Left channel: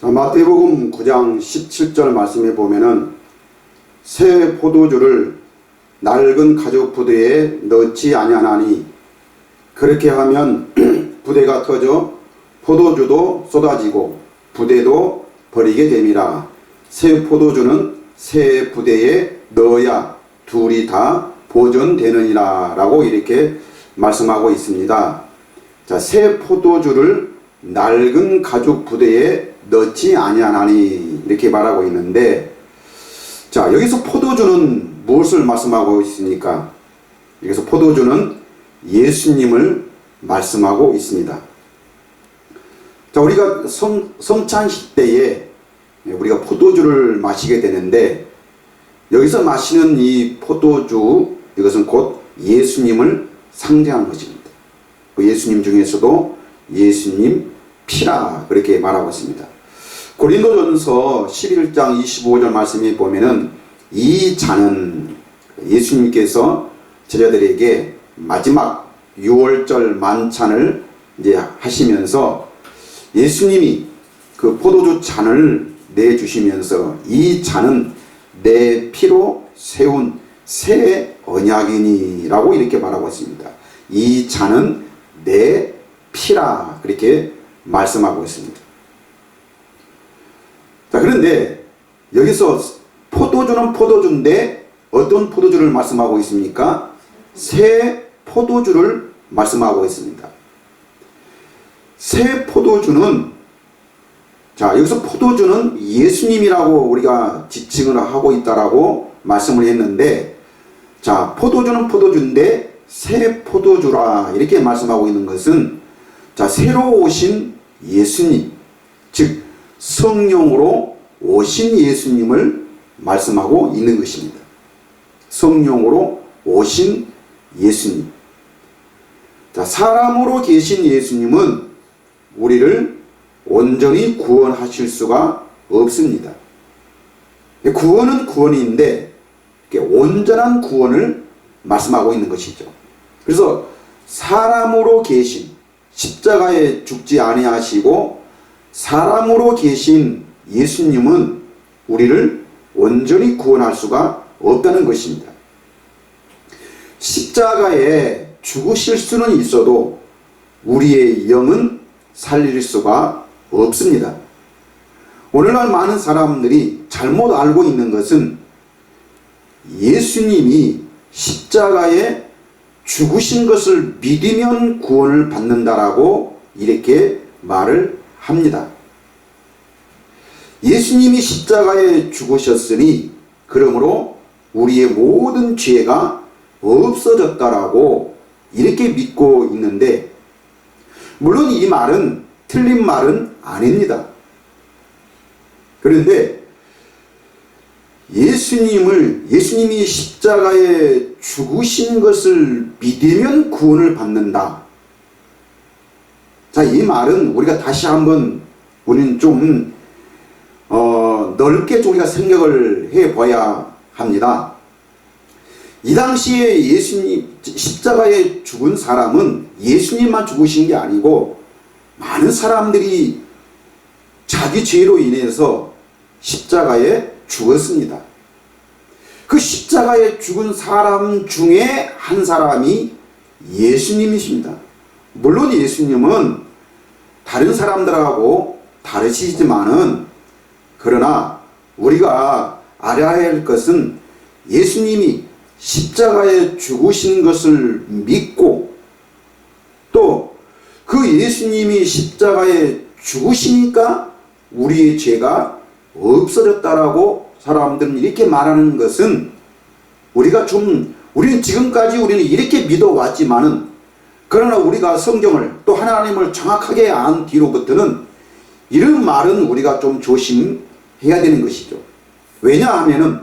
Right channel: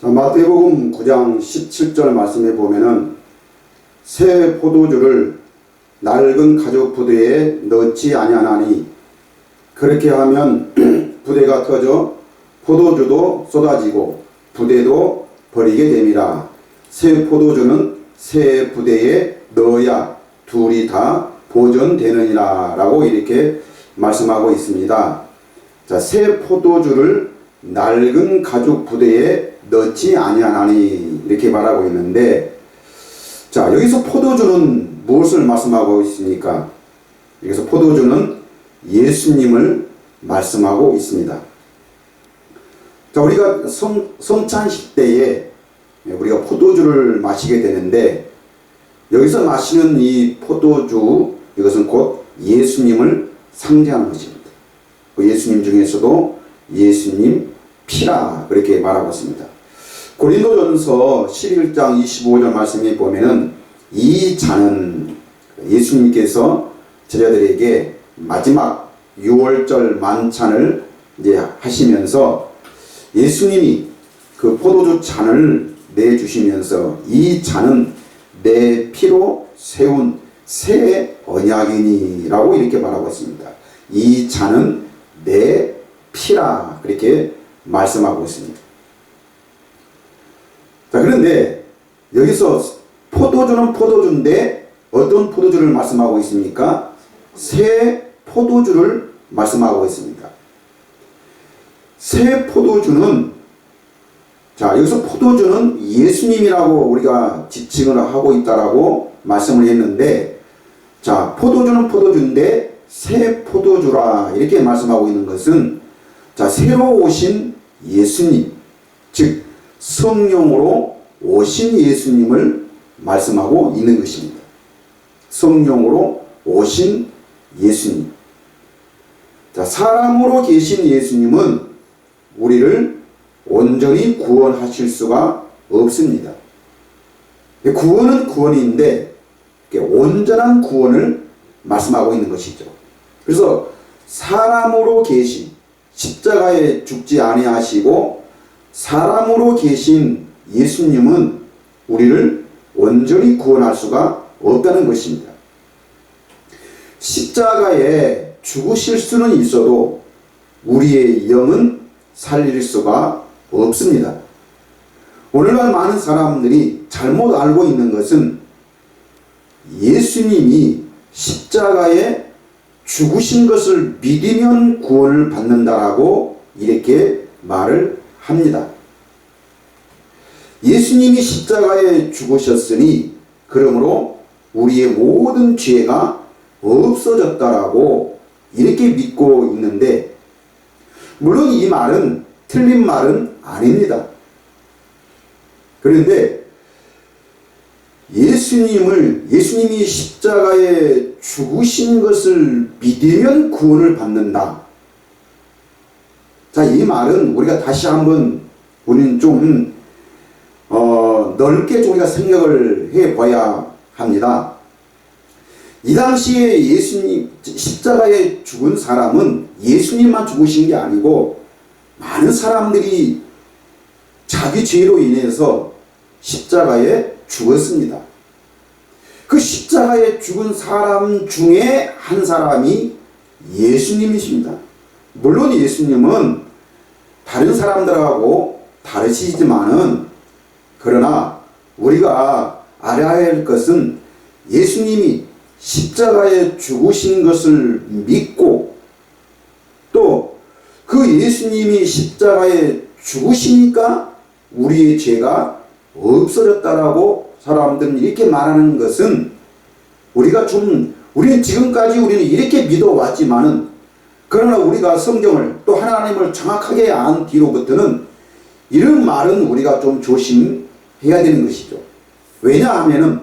자, 마태복음 9장 17절 말씀에 보면은 새 포도주를 낡은 가죽 부대에 넣지 아니하나니 그렇게 하면 부대가 터져 포도주도 쏟아지고 부대도 버리게 됨이라. 새 포도주는 새 부대에 넣어야 둘이 다 보존되느니라 라고 이렇게 말씀하고 있습니다. 자, 새 포도주를 낡은 가죽 부대에 넣지 아니하나니 이렇게 말하고 있는데, 자, 여기서 포도주는 무엇을 말씀하고 있습니까? 여기서 포도주는 예수님을 말씀하고 있습니다. 자, 우리가 성찬식 때에 우리가 포도주를 마시게 되는데, 여기서 마시는 이 포도주, 이것은 곧 예수님을 상징하는 것입니다. 예수님 중에서도 예수님 피라 그렇게 말하고 있습니다. 고린도전서 11장 25절 말씀에 보면은 이 잔은 예수님께서 제자들에게 마지막 6월절 만찬을 이제 하시면서 예수님이 그 포도주 잔을 내주시면서 이 잔은 내 피로 세운 새 언약이니라고 이렇게 말하고 있습니다. 이 잔은 내 피라 그렇게 말씀하고 있습니다. 자, 그런데 여기서 포도주는 포도주인데 어떤 포도주를 말씀하고 있습니까? 새 포도주를 말씀하고 있습니다. 새 포도주는, 자, 여기서 포도주는 예수님이라고 우리가 지칭을 하고 있다라고 말씀을 했는데, 자, 포도주는 포도주인데 새 포도주라 이렇게 말씀하고 있는 것은, 자, 새로 오신 예수님, 즉 성령으로 오신 예수님을 말씀하고 있는 것입니다. 성령으로 오신 예수님. 자, 사람으로 계신 예수님은 우리를 온전히 구원하실 수가 없습니다. 구원은 구원인데 온전한 구원을 말씀하고 있는 것이죠. 그래서 사람으로 계신, 십자가에 죽지 아니하시고 사람으로 계신 예수님은 우리를 온전히 구원할 수가 없다는 것입니다. 십자가에 죽으실 수는 있어도 우리의 영은 살릴 수가 없습니다. 오늘날 많은 사람들이 잘못 알고 있는 것은 예수님이 십자가에 죽으신 것을 믿으면 구원을 받는다라고 이렇게 말을 합니다. 예수님이 십자가에 죽으셨으니 그러므로 우리의 모든 죄가 없어졌다라고 이렇게 믿고 있는데, 물론 이 말은 틀린 말은 아닙니다. 그런데 예수님이 십자가에 죽으신 것을 믿으면 구원을 받는다. 자, 이 말은 우리가 다시 한번 우리는 좀 넓게 우리가 생각을 해봐야 합니다. 이 당시에 예수님 십자가에 죽은 사람은 예수님만 죽으신 게 아니고 많은 사람들이 자기 죄로 인해서 십자가에 죽었습니다. 그 십자가에 죽은 사람 중에 한 사람이 예수님이십니다. 물론 예수님은 다른 사람들하고 다르시지만은, 그러나 우리가 알아야 할 것은 예수님이 십자가에 죽으신 것을 믿고 또 그 예수님이 십자가에 죽으시니까 우리의 죄가 없어졌다라고 사람들은 이렇게 말하는 것은, 우리는 지금까지 우리는 이렇게 믿어왔지만은, 그러나 우리가 성경을 또 하나님을 정확하게 안 뒤로부터는 이런 말은 우리가 좀 조심해야 되는 것이죠. 왜냐하면은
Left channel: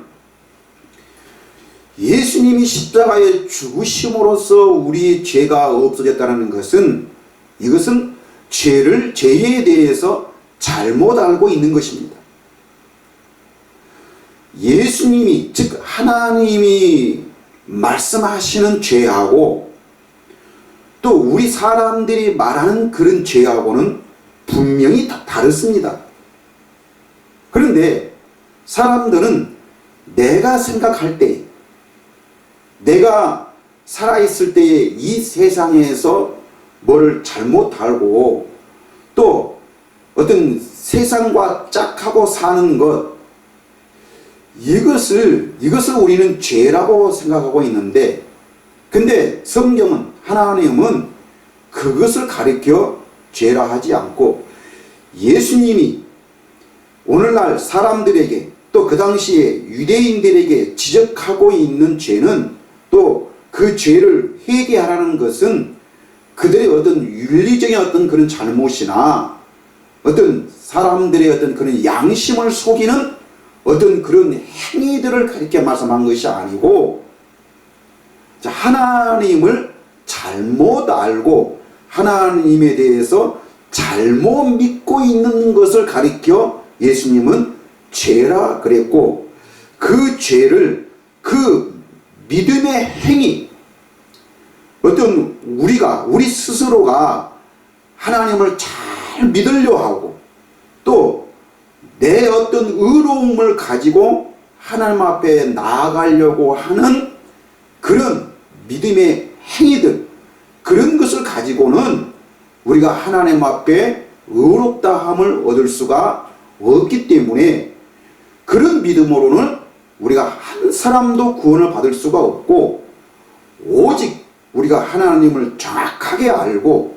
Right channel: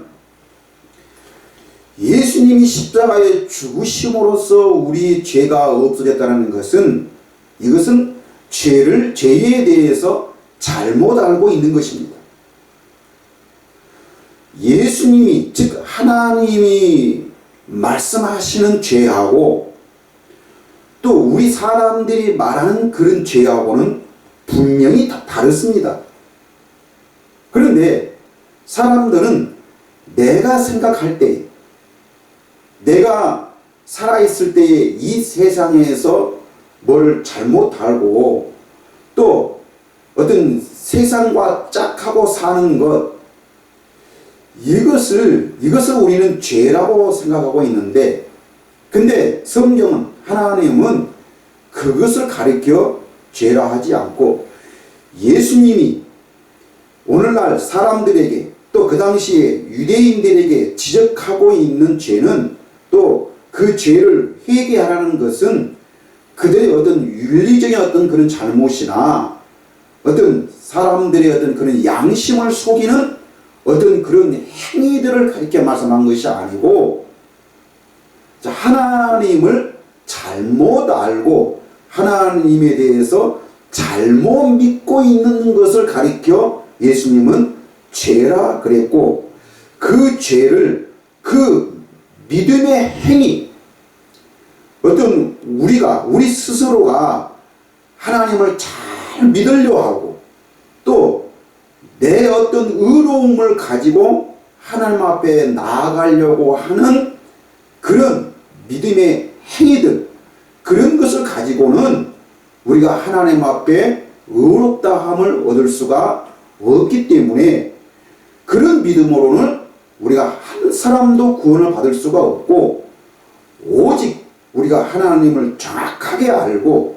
예수님이 십자가에 죽으심으로써 우리의 죄가 없어졌다는 것은, 이것은 죄에 대해서 잘못 알고 있는 것입니다. 예수님이, 즉 하나님이 말씀하시는 죄하고 또 우리 사람들이 말하는 그런 죄하고는 분명히 다르습니다. 그런데 사람들은 내가 생각할 때, 내가 살아있을 때에 이 세상에서 뭐를 잘못 알고 또 어떤 세상과 짝하고 사는 것, 이것을 우리는 죄라고 생각하고 있는데, 근데 성경은, 하나님은 그것을 가리켜 죄라 하지 않고, 예수님이 오늘날 사람들에게 또 그 당시에 유대인들에게 지적하고 있는 죄는, 또 그 죄를 회개하라는 것은 그들의 어떤 윤리적인 어떤 그런 잘못이나 어떤 사람들의 어떤 그런 양심을 속이는 어떤 그런 행위들을 가리켜 말씀한 것이 아니고, 하나님을 잘못 알고 하나님에 대해서 잘못 믿고 있는 것을 가리켜 예수님은 죄라 그랬고, 그 죄를, 그 믿음의 행위, 어떤 우리 스스로가 하나님을 잘 믿으려 하고 또 내 어떤 의로움을 가지고 하나님 앞에 나아가려고 하는 그런 믿음의 행위들, 그런 것을 가지고는 우리가 하나님 앞에 의롭다함을 얻을 수가 없기 때문에, 그런 믿음으로는 우리가 한 사람도 구원을 받을 수가 없고, 오직 우리가 하나님을 정확하게 알고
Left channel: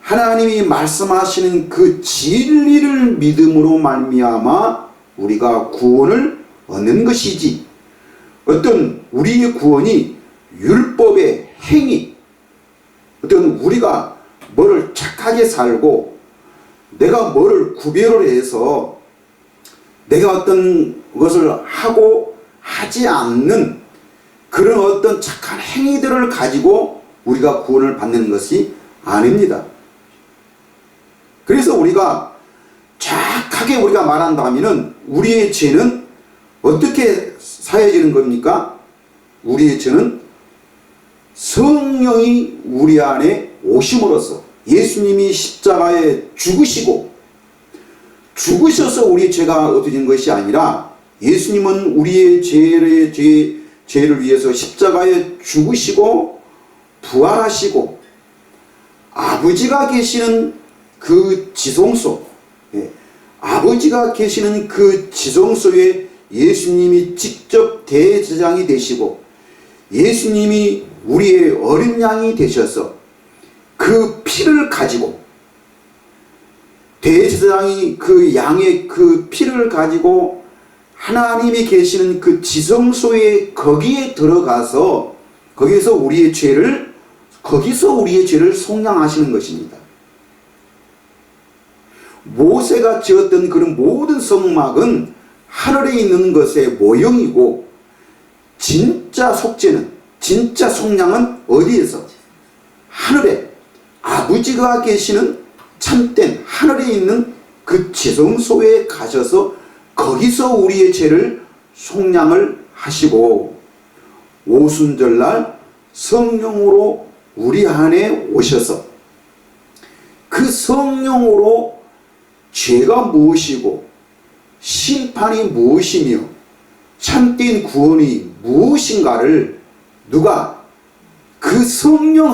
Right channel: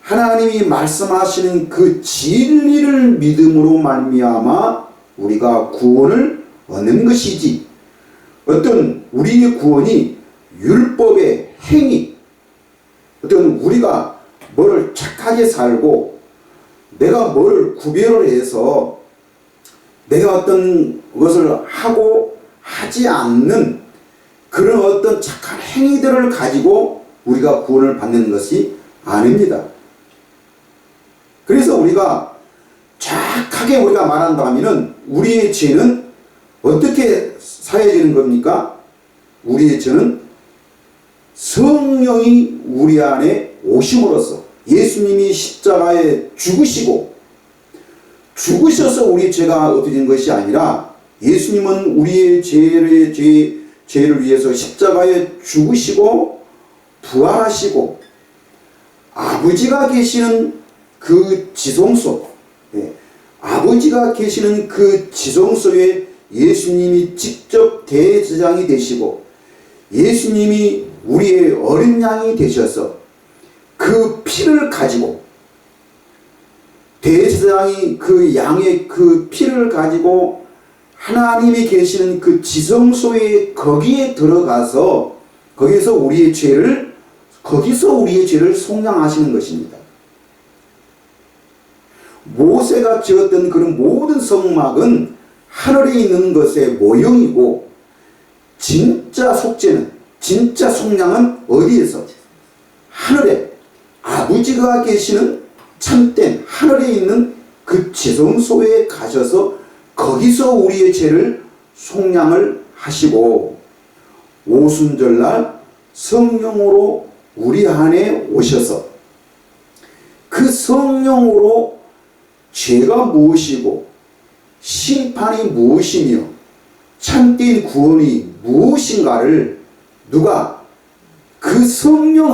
하나님이 말씀하시는 그 진리를 믿음으로 말미암아 우리가 구원을 얻는 것이지, 어떤 우리의 구원이 율법의 행위, 어떤 우리가 뭐를 착하게 살고 내가 뭐를 구별을 해서 내가 어떤 것을 하고 하지 않는 그런 어떤 착한 행위들을 가지고 우리가 구원을 받는 것이 아닙니다. 그래서 우리가 정확하게 우리가 말한다면 우리의 죄는 어떻게 사해지는 겁니까? 우리의 죄는 성령이 우리 안에 오심으로써, 예수님이 십자가에 죽으셔서 우리의 죄가 없어진 것이 아니라, 예수님은 우리의 죄를 위해서 십자가에 죽으시고 부활하시고 아버지가 계시는 그 지성소, 아버지가 계시는 그 지성소에 예수님이 직접 대제사장이 되시고, 예수님이 우리의 어린 양이 되셔서 그 피를 가지고, 대제사장이 그 양의 그 피를 가지고 하나님이 계시는 그 지성소에 거기에 들어가서 거기서 우리의 죄를 속량하시는 것입니다. 모세가 지었던 그런 모든 성막은 하늘에 있는 것의 모형이고, 진짜 속죄는, 진짜 속량은 어디에서? 하늘에 아버지가 계시는 참된 하늘에 있는 그 지성소에 가셔서 거기서 우리의 죄를 속량을 하시고, 오순절날 성령으로 우리 안에 오셔서 그 성령으로 죄가 무엇이고 심판이 무엇이며 참된 구원이 무엇인가를 누가? 그 성령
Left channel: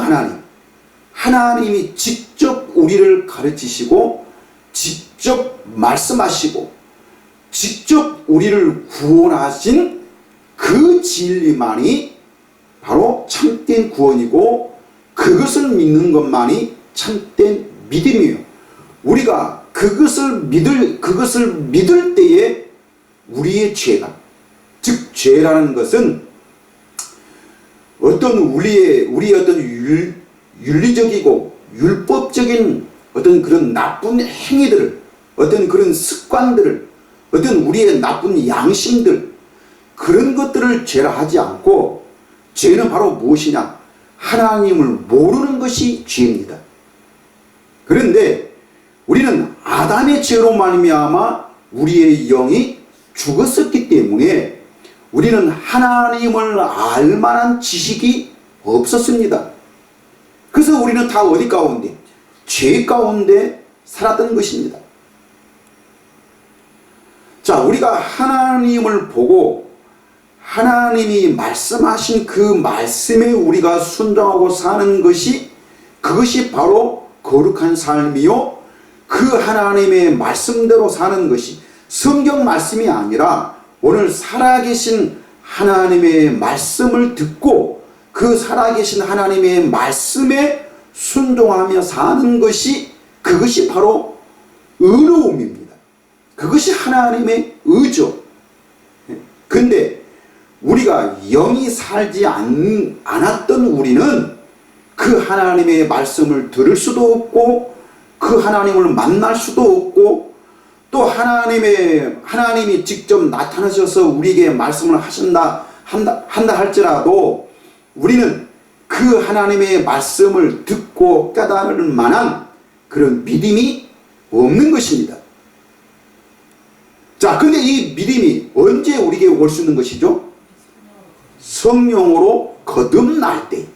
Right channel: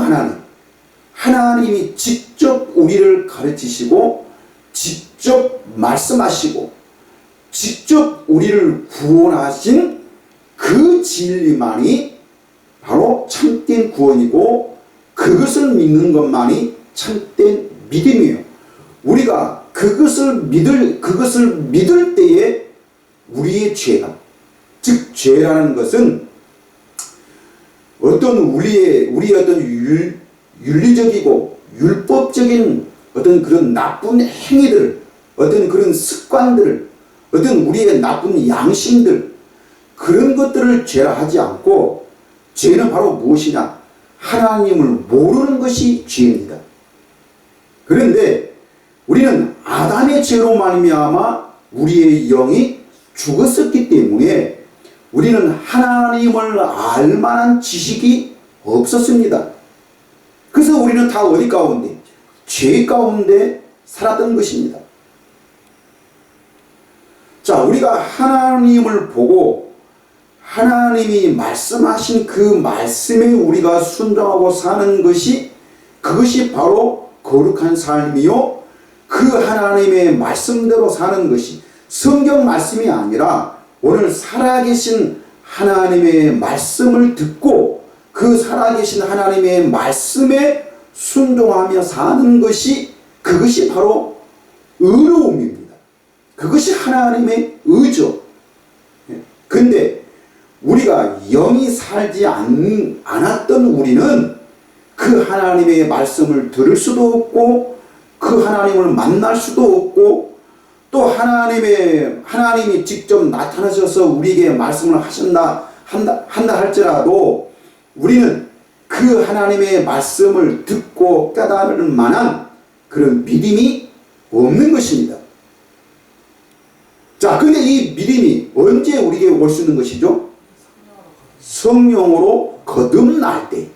하나님이 직접 우리를 가르치시고 직접 말씀하시고 직접 우리를 구원하신 그 진리만이 바로 참된 구원이고, 그것을 믿는 것만이 참된 믿음이에요. 우리가 그것을 믿을 때에 우리의 죄가, 즉 죄라는 것은 어떤 우리의 어떤 윤리적이고 율법적인 어떤 그런 나쁜 행위들을, 어떤 그런 습관들을, 어떤 우리의 나쁜 양심들, 그런 것들을 죄라 하지 않고, 죄는 바로 무엇이냐? 하나님을 모르는 것이 죄입니다. 그런데 우리는 아담의 죄로 말미암아 우리의 영이 죽었었기 때문에 우리는 하나님을 알 만한 지식이 없었습니다. 그래서 우리는 다 어디 가운데? 죄 가운데 살았던 것입니다. 자, 우리가 하나님을 보고 하나님이 말씀하신 그 말씀에 우리가 순종하고 사는 것이, 그것이 바로 거룩한 삶이요, 그 하나님의 말씀대로 사는 것이 성경 말씀이 아니라 오늘 살아계신 하나님의 말씀을 듣고 그 살아계신 하나님의 말씀에 순종하며 사는 것이, 그것이 바로 의로움입니다. 그것이 하나님의 의죠. 근데 우리가 영이 살지 않았던 우리는 그 하나님의 말씀을 들을 수도 없고 그 하나님을 만날 수도 없고, 또 하나님이 직접 나타나셔서 우리에게 말씀을 한다 할지라도 우리는 그 하나님의 말씀을 듣고 깨달을 만한 그런 믿음이 없는 것입니다. 자, 근데 이 믿음이 언제 우리에게 올 수 있는 것이죠? 성령으로 거듭날 때.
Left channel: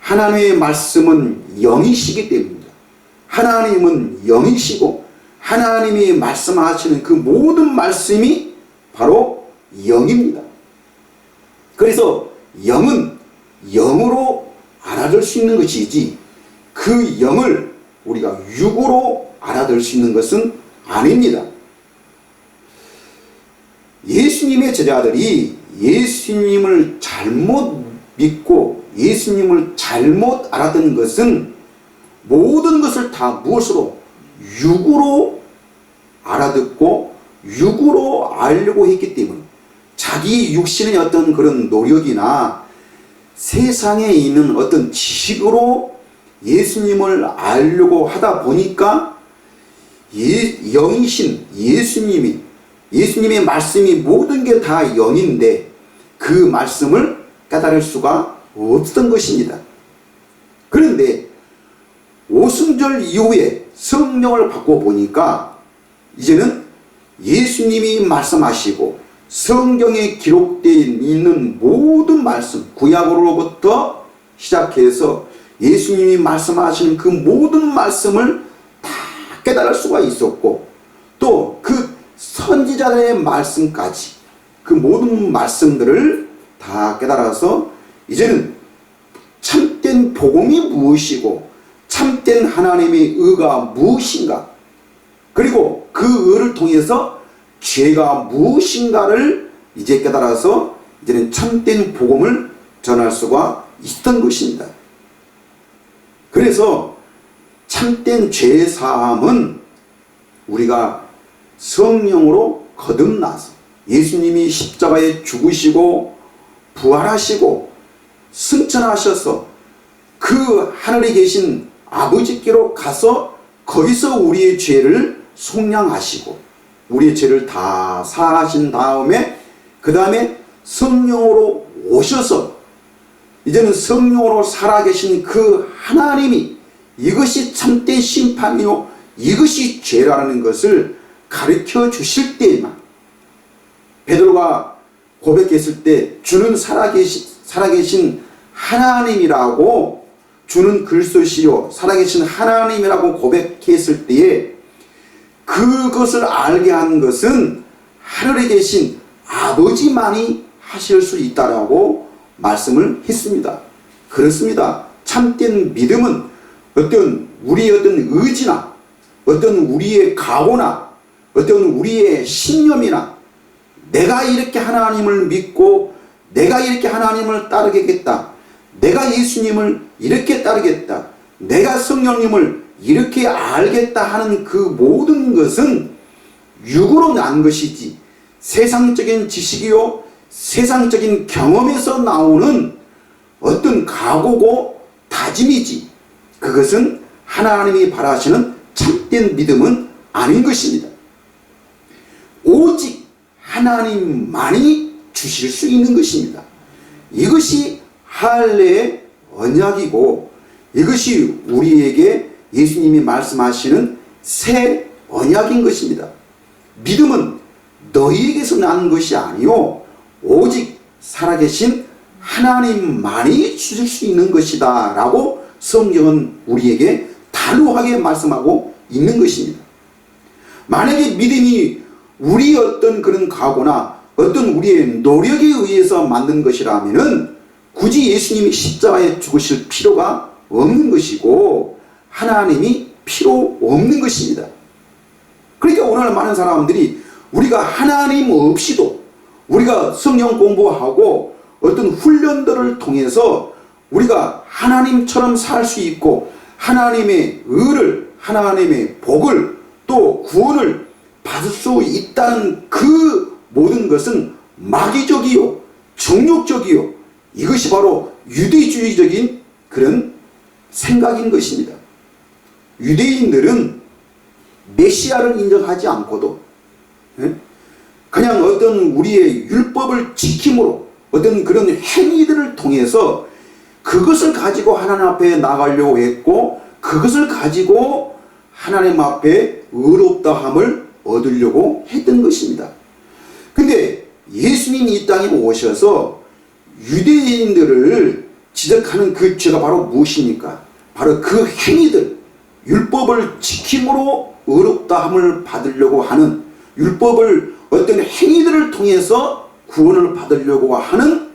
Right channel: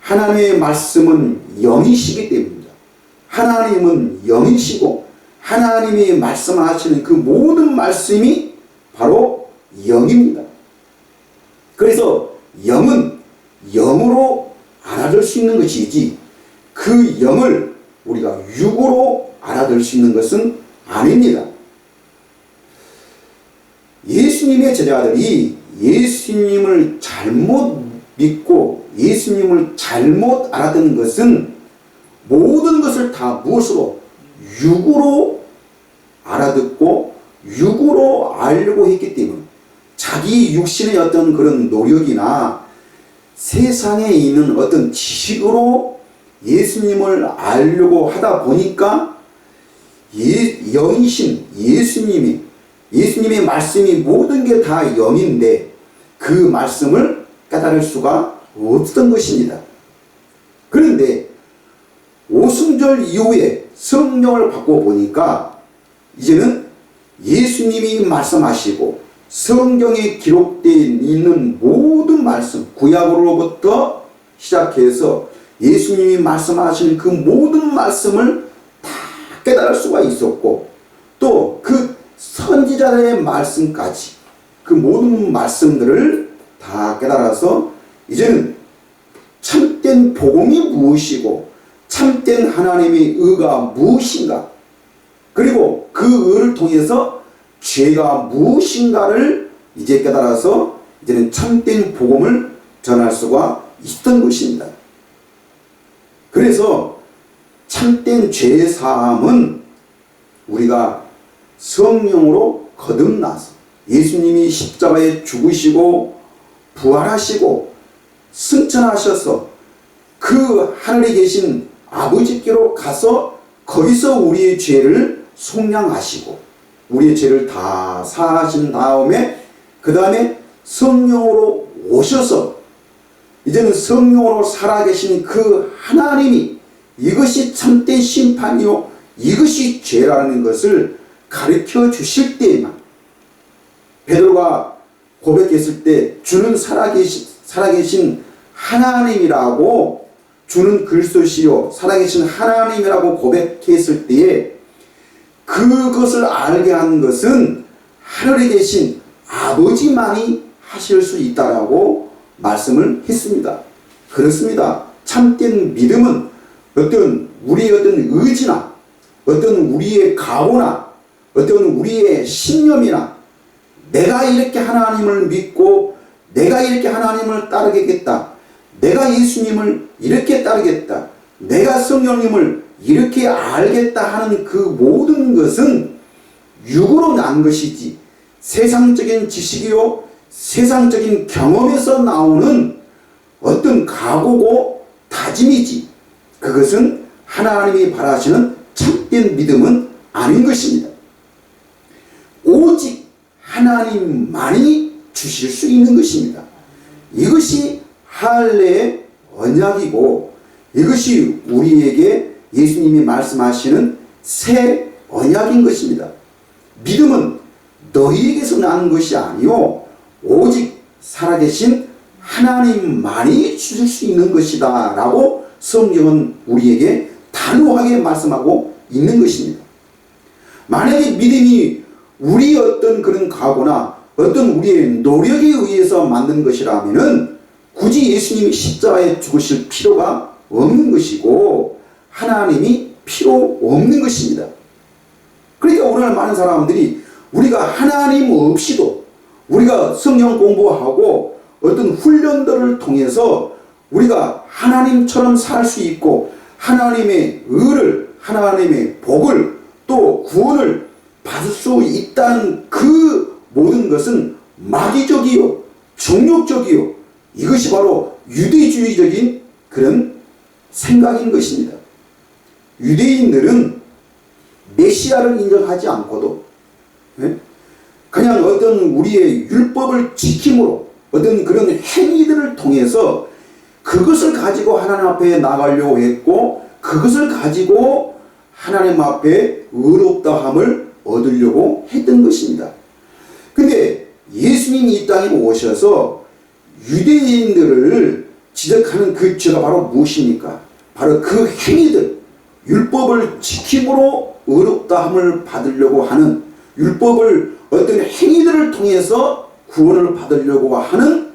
하나님의 말씀은 영이시기 때문입니다. 하나님은 영이시고 하나님이 말씀하시는 그 모든 말씀이 바로 영입니다. 그래서 영은 영으로 알아들 수 있는 것이지 그 영을 우리가 육으로 알아들 수 있는 것은 아닙니다. 예수님의 제자들이 예수님을 잘못 믿고 예수님을 잘못 알아듣는 것은 모든 것을 다 무엇으로? 육으로 알아듣고 육으로 알려고 했기 때문에, 자기 육신의 어떤 그런 노력이나 세상에 있는 어떤 지식으로 예수님을 알려고 하다 보니까 영이신 예수님의 말씀이 모든 게 다 영인데 그 말씀을 깨달을 수가 없었던 것입니다. 그런데 오순절 이후에 성령을 받고 보니까 이제는 예수님이 말씀하시고 성경에 기록되어 있는 모든 말씀, 구약으로부터 시작해서 예수님이 말씀하시는 그 모든 말씀을 다 깨달을 수가 있었고, 또 그 선지자들의 말씀까지 그 모든 말씀들을 다 깨달아서 이제는 참된 복음이 무엇이고 참된 하나님의 의가 무엇인가, 그리고 그 의를 통해서 죄가 무엇인가를 이제 깨달아서 이제는 참된 복음을 전할 수가 있던 것입니다. 그래서 참된 죄 사함은 우리가 성령으로 거듭나서 예수님이 십자가에 죽으시고 부활하시고 승천하셔서 그 하늘에 계신 아버지께로 가서 거기서 우리의 죄를 속량하시고 우리의 죄를 다 사하신 다음에 그 다음에 성령으로 오셔서 이제는 성령으로 살아계신 그 하나님이 이것이 참된 심판이요 이것이 죄라는 것을 가르쳐 주실 때에만, 베드로가 고백했을 때 주는 살아계신 하나님이라고, 주는 그리스도시요 살아계신 하나님이라고 고백했을 때에 그것을 알게 한 것은 하늘에 계신 아버지만이 하실 수 있다라고 말씀을 했습니다. 그렇습니다. 참된 믿음은 어떤 우리의 어떤 의지나 어떤 우리의 각오나 어떤 우리의 신념이나 내가 이렇게 하나님을 믿고 내가 이렇게 하나님을 따르겠다, 내가 예수님을 이렇게 따르겠다, 내가 성령님을 이렇게 알겠다 하는 그 모든 것은 육으로 난 것이지 세상적인 지식이요 세상적인 경험에서 나오는 어떤 각오고 다짐이지 그것은 하나님이 바라시는 참된 믿음은 아닌 것입니다. 오직 하나님만이 주실 수 있는 것입니다. 이것이 할례의 언약이고 이것이 우리에게 예수님이 말씀하시는 새 언약인 것입니다. 믿음은 너희에게서 난 것이 아니요 오직 살아계신 하나님만이 주실 수 있는 것이다 라고 성경은 우리에게 단호하게 말씀하고 있는 것입니다. 만약에 믿음이 우리 어떤 그런 각오나 어떤 우리의 노력에 의해서 만든 것이라면은 굳이 예수님이 십자가에 죽으실 필요가 없는 것이고 하나님이 필요 없는 것입니다. 그러니까 오늘 많은 사람들이 우리가 하나님 없이도 우리가 성경 공부하고 어떤 훈련들을 통해서 우리가 하나님처럼 살 수 있고 하나님의 의를, 하나님의 복을 또 구원을 받을 수 있다는 그 모든 것은 마귀적이요 정욕적이요 이것이 바로 유대주의적인 그런 생각인 것입니다. 유대인들은 메시아를 인정하지 않고도 그냥 어떤 우리의 율법을 지킴으로 어떤 그런 행위들을 통해서 그것을 가지고 하나님 앞에 나가려고 했고 그것을 가지고 하나님 앞에 의롭다함을 얻으려고 했던 것입니다. 근데 예수님이 이 땅에 오셔서 유대인들을 지적하는 그 죄가 바로 무엇입니까? 바로 그 행위들, 율법을 지킴으로 의롭다함을 받으려고 하는 율법을 어떤 행위들을 통해서 구원을 받으려고 하는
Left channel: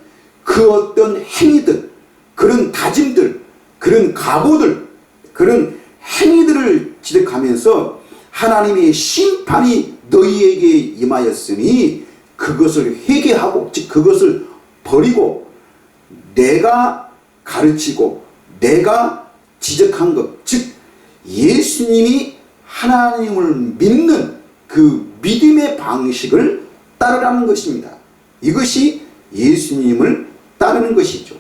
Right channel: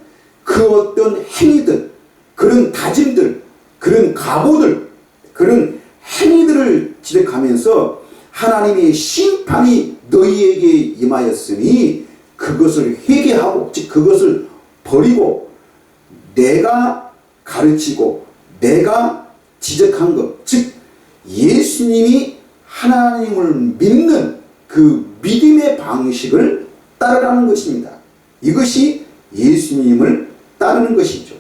그 어떤 행위들, 그런 다짐들, 그런 각오들, 그런 행위들을 지적하면서 하나님의 심판이 너희에게 임하였으니 그것을 회개하고 즉 그것을 버리고 내가 가르치고 내가 지적한 것, 즉 예수님이 하나님을 믿는 그 믿음의 방식을 따르라는 것입니다. 이것이 예수님을 따르는 것이죠.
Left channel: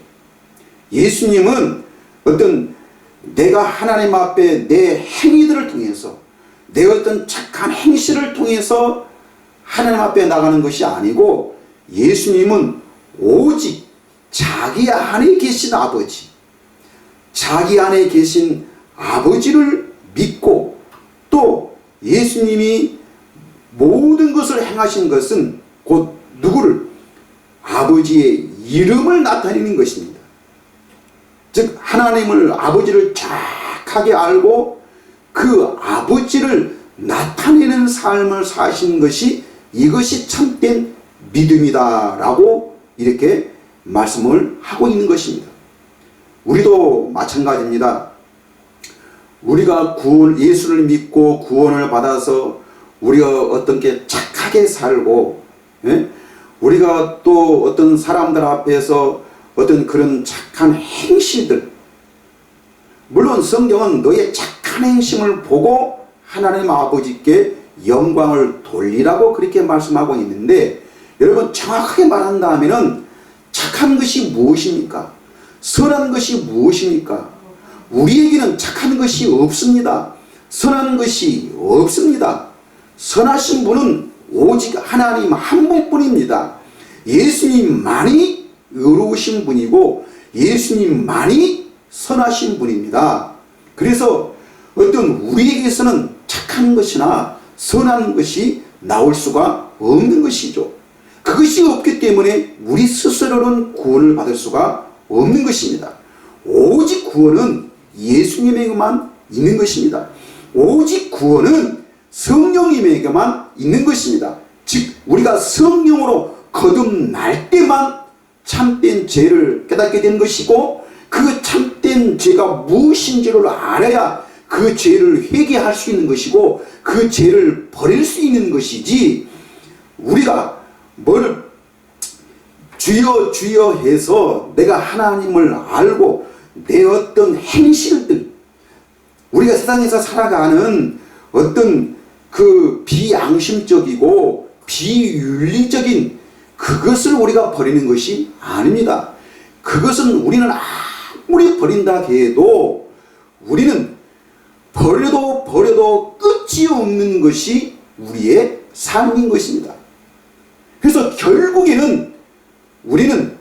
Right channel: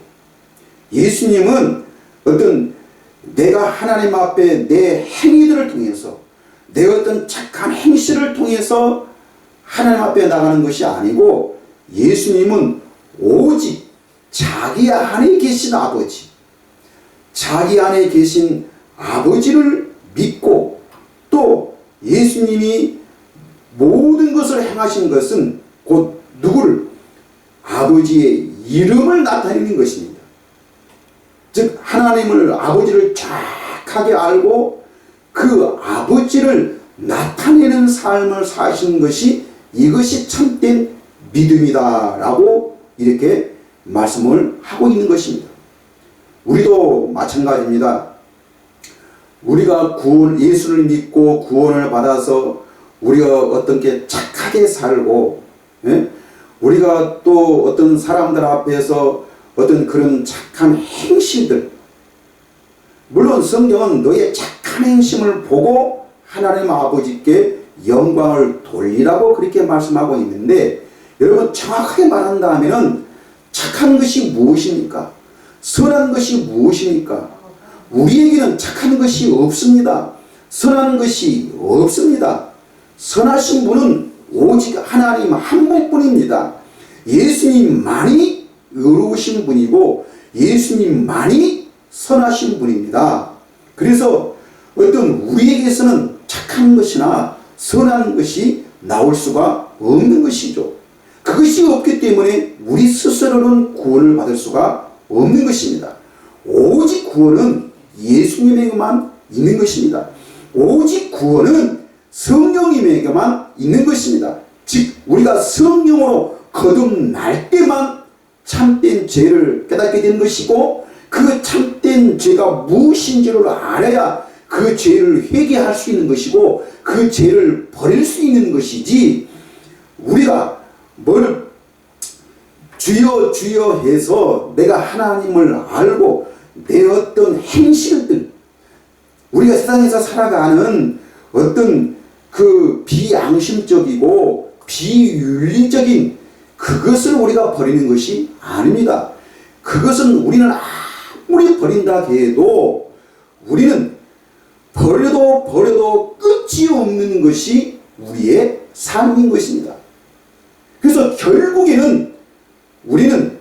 예수님은 어떤 내가 하나님 앞에 내 행위들을 통해서 내 어떤 착한 행실을 통해서 하나님 앞에 나가는 것이 아니고 예수님은 오직 자기 안에 계신 아버지, 자기 안에 계신 아버지를 믿고 또 예수님이 모든 것을 행하신 것은 곧 누구를? 아버지의 이름을 나타내는 것입니다. 즉 하나님을 아버지를 정확하게 알고 그 아버지를 나타내는 삶을 사신 것이 이것이 참된 믿음이다 라고 이렇게 말씀을 하고 있는 것입니다. 우리도 마찬가지입니다. 우리가 예수를 믿고 구원을 받아서 우리가 어떤 게 착하게 살고 우리가 또 어떤 사람들 앞에서 어떤 그런 착한 행실들, 물론 성경은 너의 착한 행심을 보고 하나님 아버지께 영광을 돌리라고 그렇게 말씀하고 있는데 여러분 정확하게 말한다면 착한 것이 무엇입니까? 선한 것이 무엇입니까? 우리에게는 착한 것이 없습니다. 선한 것이 없습니다. 선하신 분은 오직 하나님 한 분뿐입니다. 예수님만이 의로우신 분이고 예수님만이 선하신 분입니다. 그래서 어떤 우리에게서는 착한 것이나 선한 것이 나올 수가 없는 것이죠. 그것이 없기 때문에 우리 스스로는 구원을 받을 수가 없는 것입니다. 오직 구원은 예수님에게만 있는 것입니다. 오직 구원은 성령님에게만 있는 것입니다. 즉 우리가 성령으로 거듭날 때만 참된 죄를 깨닫게 되는 것이고 그 참된 죄가 무엇인지를 알아야 그 죄를 회개할 수 있는 것이고 그 죄를 버릴 수 있는 것이지 우리가 뭘 주여 주여 해서 내가 하나님을 알고 내 어떤 행실들 우리가 세상에서 살아가는 어떤 그 비양심적이고 비윤리적인 그것을 우리가 버리는 것이 아닙니다. 그것은 우리는 아무리 버린다 해도 우리는 버려도 끝이 없는 것이 우리의 삶인 것입니다. 그래서 결국에는 우리는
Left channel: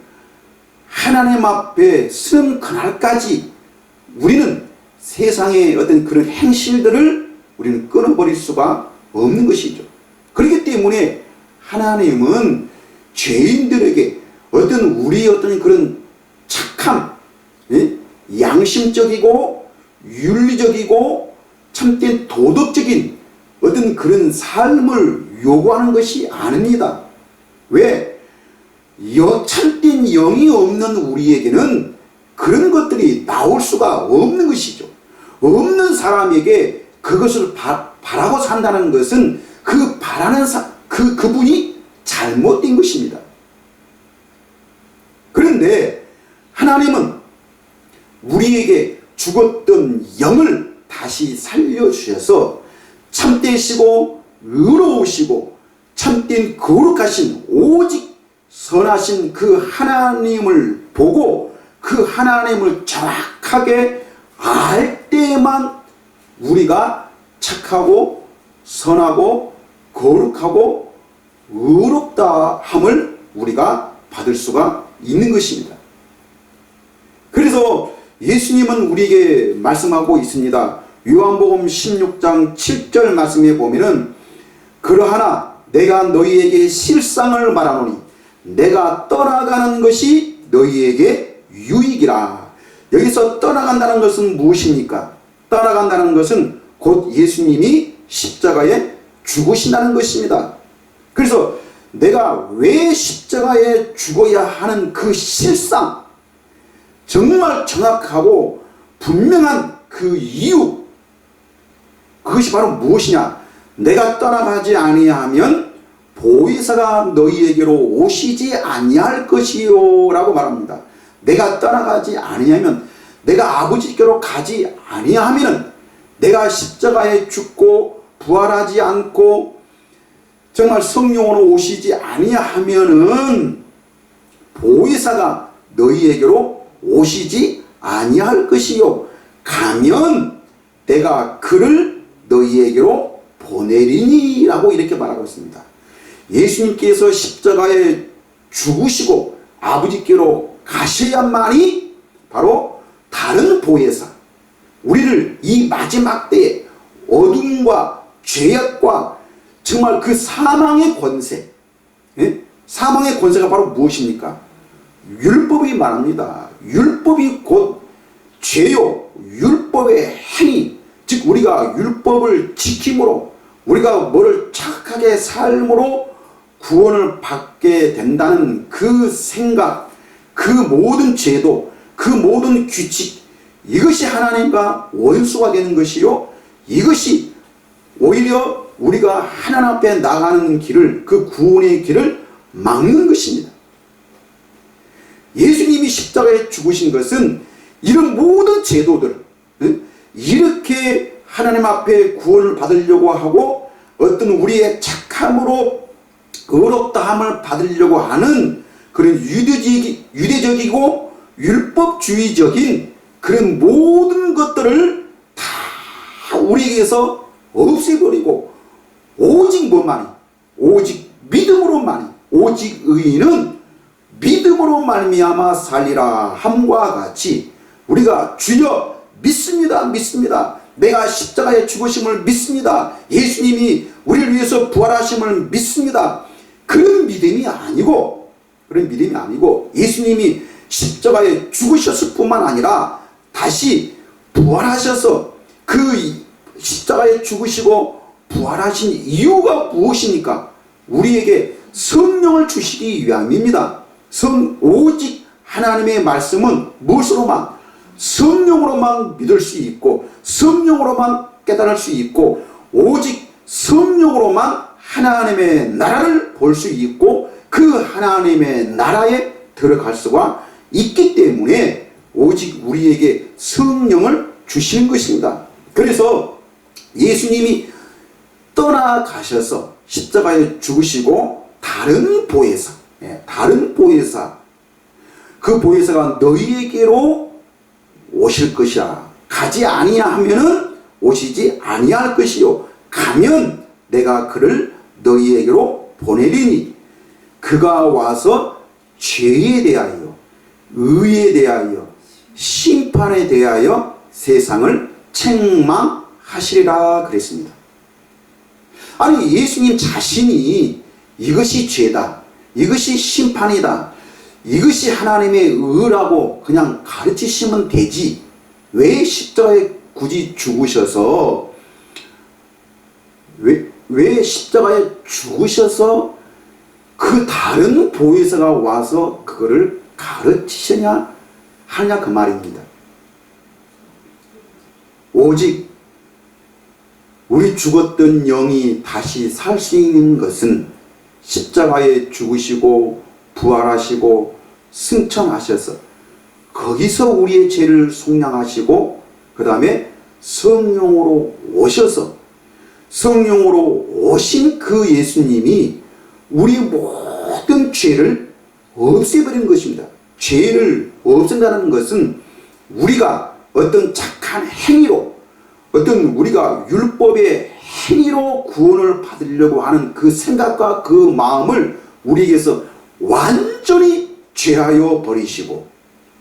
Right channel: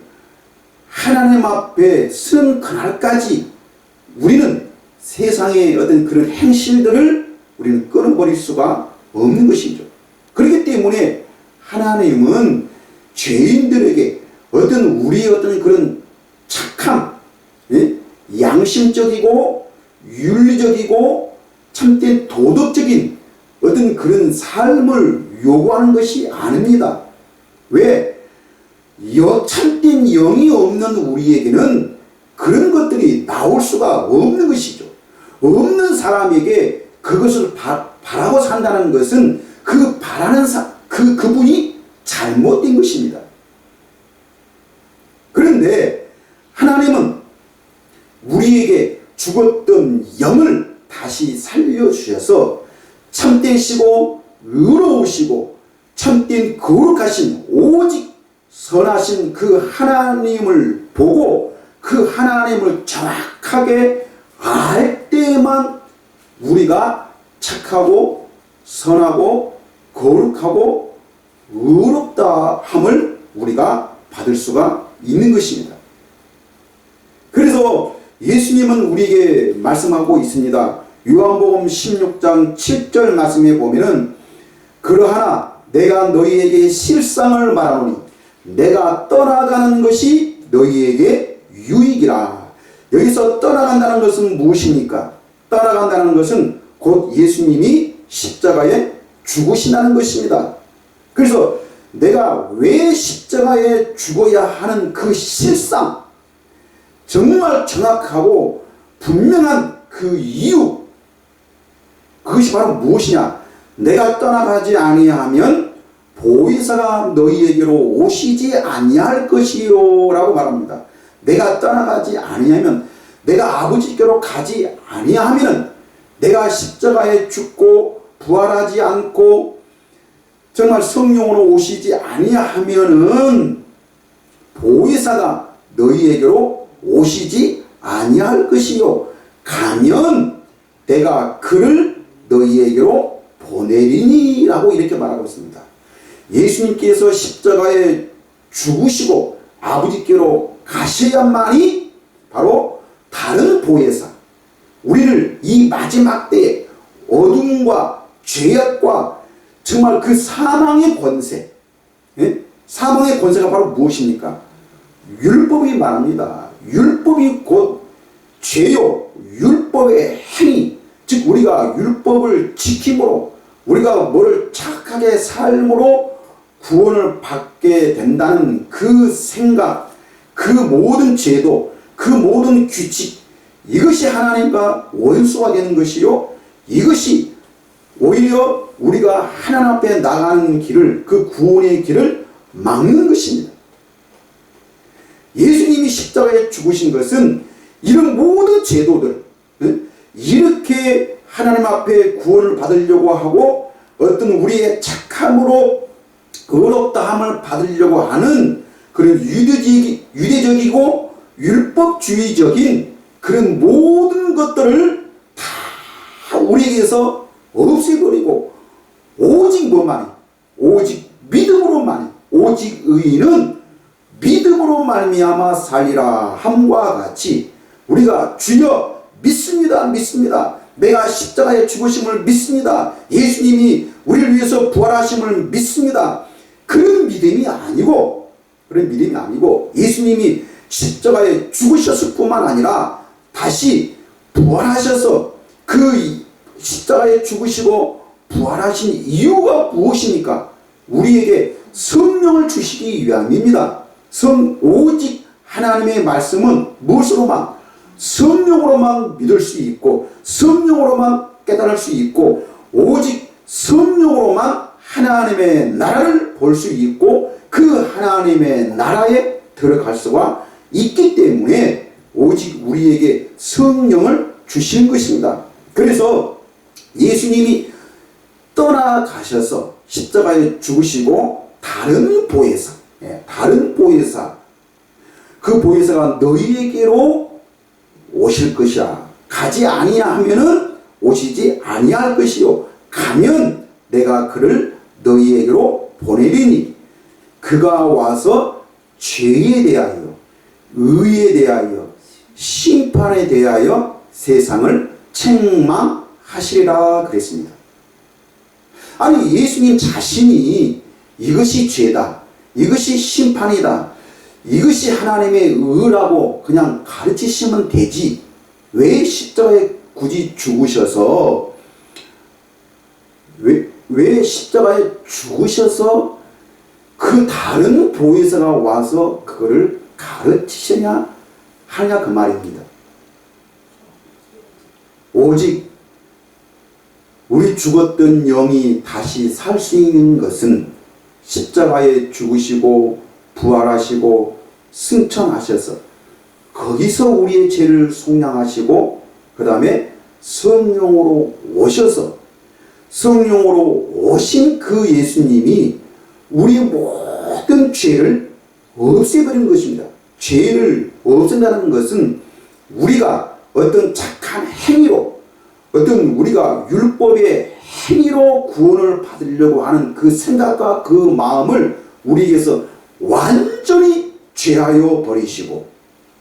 하나님 앞에 서는 그날까지 우리는 세상의 어떤 그런 행실들을 우리는 끊어버릴 수가 없는 것이죠. 그렇기 때문에 하나님은 죄인들에게 어떤 우리 어떤 그런 착함, 양심적이고 윤리적이고 참된 도덕적인 어떤 그런 삶을 요구하는 것이 아닙니다. 왜? 참된 영이 없는 우리에게는 그런 것들이 나올 수가 없는 것이죠. 없는 사람에게 그것을 바라고 산다는 것은 그 바라는 그분이 잘못된 것입니다. 그런데 하나님은 우리에게 죽었던 영을 다시 살려주셔서 참되시고 의로우시고 참된 거룩하신 오직 선하신 그 하나님을 보고 그 하나님을 정확하게 알 때만 우리가 착하고 선하고 거룩하고 의롭다 함을 우리가 받을 수가 있는 것입니다. 그래서 예수님은 우리에게 말씀하고 있습니다. 요한복음 16장 7절 말씀에 보면은 그러하나 내가 너희에게 실상을 말하노니 내가 떠나가는 것이 너희에게 유익이라. 여기서 떠나간다는 것은 무엇입니까? 떠나간다는 것은 곧 예수님이 십자가에 죽으신다는 것입니다. 그래서 내가 왜 십자가에 죽어야 하는 그 실상, 정말 정확하고 분명한 그 이유, 그것이 바로 무엇이냐? 내가 떠나가지 아니하면 보혜사가 너희에게로 오시지 아니할 것이요 라고 말합니다. 내가 떠나가지 아니하면, 내가 아버지께로 가지 아니하면, 내가 십자가에 죽고 부활하지 않고 정말 성령으로 오시지 아니하면은 보혜사가 너희에게로 오시지 아니할 것이요 가면 내가 그를 너희에게로 보내리니 라고 이렇게 말하고 있습니다. 예수님께서 십자가에 죽으시고 아버지께로 가셔야만이 바로 다른 보혜사, 우리를 이 마지막 때에 어둠과 죄악과 정말 그 사망의 권세, 사망의 권세가 바로 무엇입니까? 율법이 말합니다. 율법이 곧 죄요, 율법의 행위, 즉 우리가 율법을 지킴으로 우리가 뭐를 착하게 삶으로 구원을 받게 된다는 그 생각, 그 모든 제도, 그 모든 규칙, 이것이 하나님과 원수가 되는 것이요, 이것이 오히려 우리가 하나님 앞에 나가는 길을, 그 구원의 길을 막는 것입니다. 예수님이 십자가에 죽으신 것은 이런 모든 제도들, 이렇게 하나님 앞에 구원을 받으려고 하고 어떤 우리의 착함으로 의롭다함을 받으려고 하는 그런 유대적이고 율법주의적인 그런 모든 것들을 다 우리에게서 없애버리고 오직 뭐만이, 오직 믿음으로만이, 오직 의인은 믿음으로 말미암아 살리라 함과 같이 우리가 주여 믿습니다, 믿습니다, 내가 십자가에 죽으심을 믿습니다, 예수님이 우리를 위해서 부활하심을 믿습니다, 그런 믿음이 아니고 예수님이 십자가에 죽으셨을 뿐만 아니라 다시 부활하셔서 그 십자가에 죽으시고 부활하신 이유가 무엇입니까? 우리에게 성령을 주시기 위함입니다. 오직 하나님의 말씀은 무엇으로만? 성령으로만 믿을 수 있고 성령으로만 깨달을 수 있고 오직 성령으로만 하나님의 나라를 볼 수 있고 그 하나님의 나라에 들어갈 수가 있기 때문에 오직 우리에게 성령을 주시는 것입니다. 그래서 예수님이 떠나가셔서 십자가에 죽으시고 다른 보혜사, 그 보혜사가 너희에게로 오실 것이라. 가지 아니하면은 오시지 아니할 것이요 가면 내가 그를 너희에게로 보내리니 그가 와서 죄에 대하여 의에 대하여 심판에 대하여 세상을 책망하시리라 그랬습니다. 아니 예수님 자신이 이것이 죄다, 이것이 심판이다, 이것이 하나님의 의라고 그냥 가르치시면 되지 왜 십자가에 굳이 죽으셔서 왜 십자가에 죽으셔서 그 다른 보혜사가 와서 그거를 가르치시냐 하냐 그 말입니다. 오직 우리 죽었던 영이 다시 살 수 있는 것은 십자가에 죽으시고 부활하시고 승천하셔서 거기서 우리의 죄를 속량하시고 그 다음에 성령으로 오셔서 성령으로 오신 그 예수님이 우리 모든 죄를 없애버리는 것입니다. 죄를 없앤다는 것은 우리가 어떤 착한 행위로 어떤 우리가 율법의 행위로 구원을 받으려고 하는 그 생각과 그 마음을 우리에게서 완전히 죄하여 버리시고,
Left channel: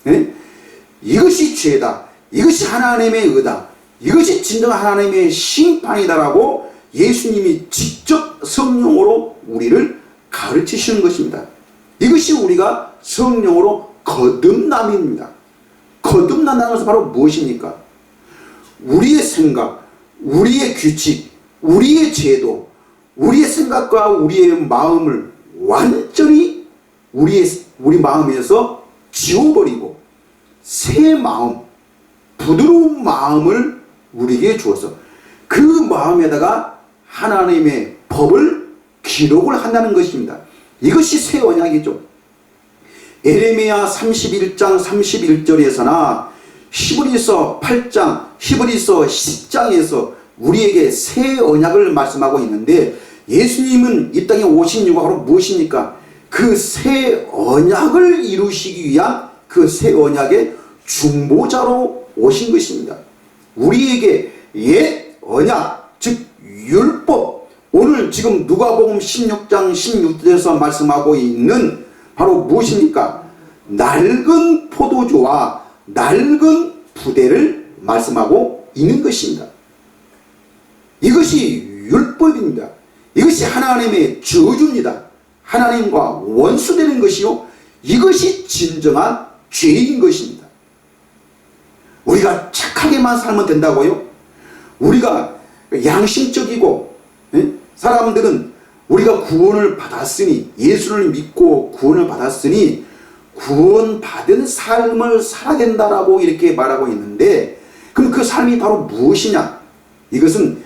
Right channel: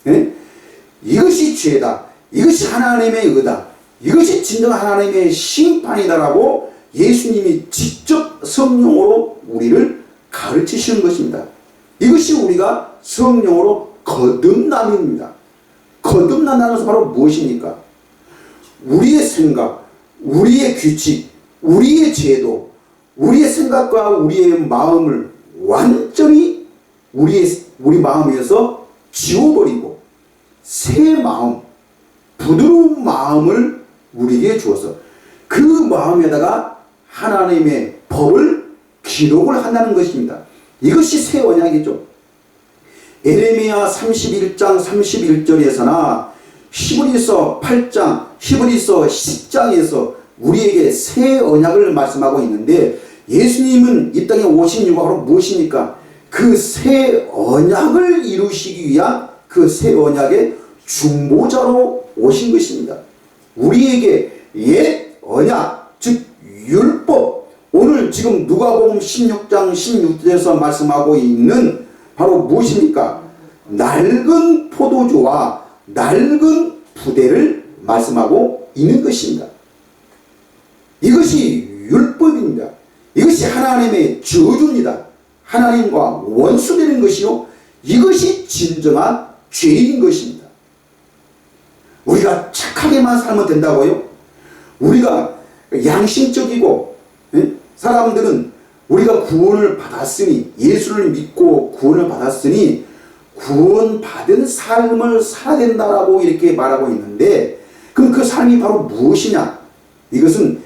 예? 이것이 죄다, 이것이 하나님의 의다, 이것이 진정한 하나님의 심판이다라고 예수님이 직접 성령으로 우리를 가르치시는 것입니다. 이것이 우리가 성령으로 거듭남입니다. 거듭난다는 것은 바로 무엇입니까? 우리의 생각, 우리의 규칙, 우리의 제도, 우리의 생각과 우리의 마음을 완전히 우리 마음에서 지워버리고 새 마음, 부드러운 마음을 우리에게 주어서 그 마음에다가 하나님의 법을 기록을 한다는 것입니다. 이것이 새 언약이죠. 에레미야 31장 31절에서나 히브리서 8장, 히브리서 10장에서 우리에게 새 언약을 말씀하고 있는데 예수님은 이 땅에 오신 이유가 바로 무엇입니까? 그 새 언약을 이루시기 위한 그 새 언약의 중보자로 오신 것입니다. 우리에게 옛 언약, 즉 율법, 오늘 지금 누가복음 16장 16절에서 말씀하고 있는 바로 무엇입니까? 낡은 포도주와 낡은 부대를 말씀하고 있는 것입니다. 이것이 율법입니다. 이것이 하나님의 저주입니다. 하나님과 원수되는 것이요, 이것이 진정한 죄인 것입니다. 우리가 착하게만 살면 된다고요? 우리가 양심적이고, 사람들은 우리가 구원을 받았으니, 예수를 믿고 구원을 받았으니 구원받은 삶을 살아야 된다라고 이렇게 말하고 있는데, 그럼 그 삶이 바로 무엇이냐? 이것은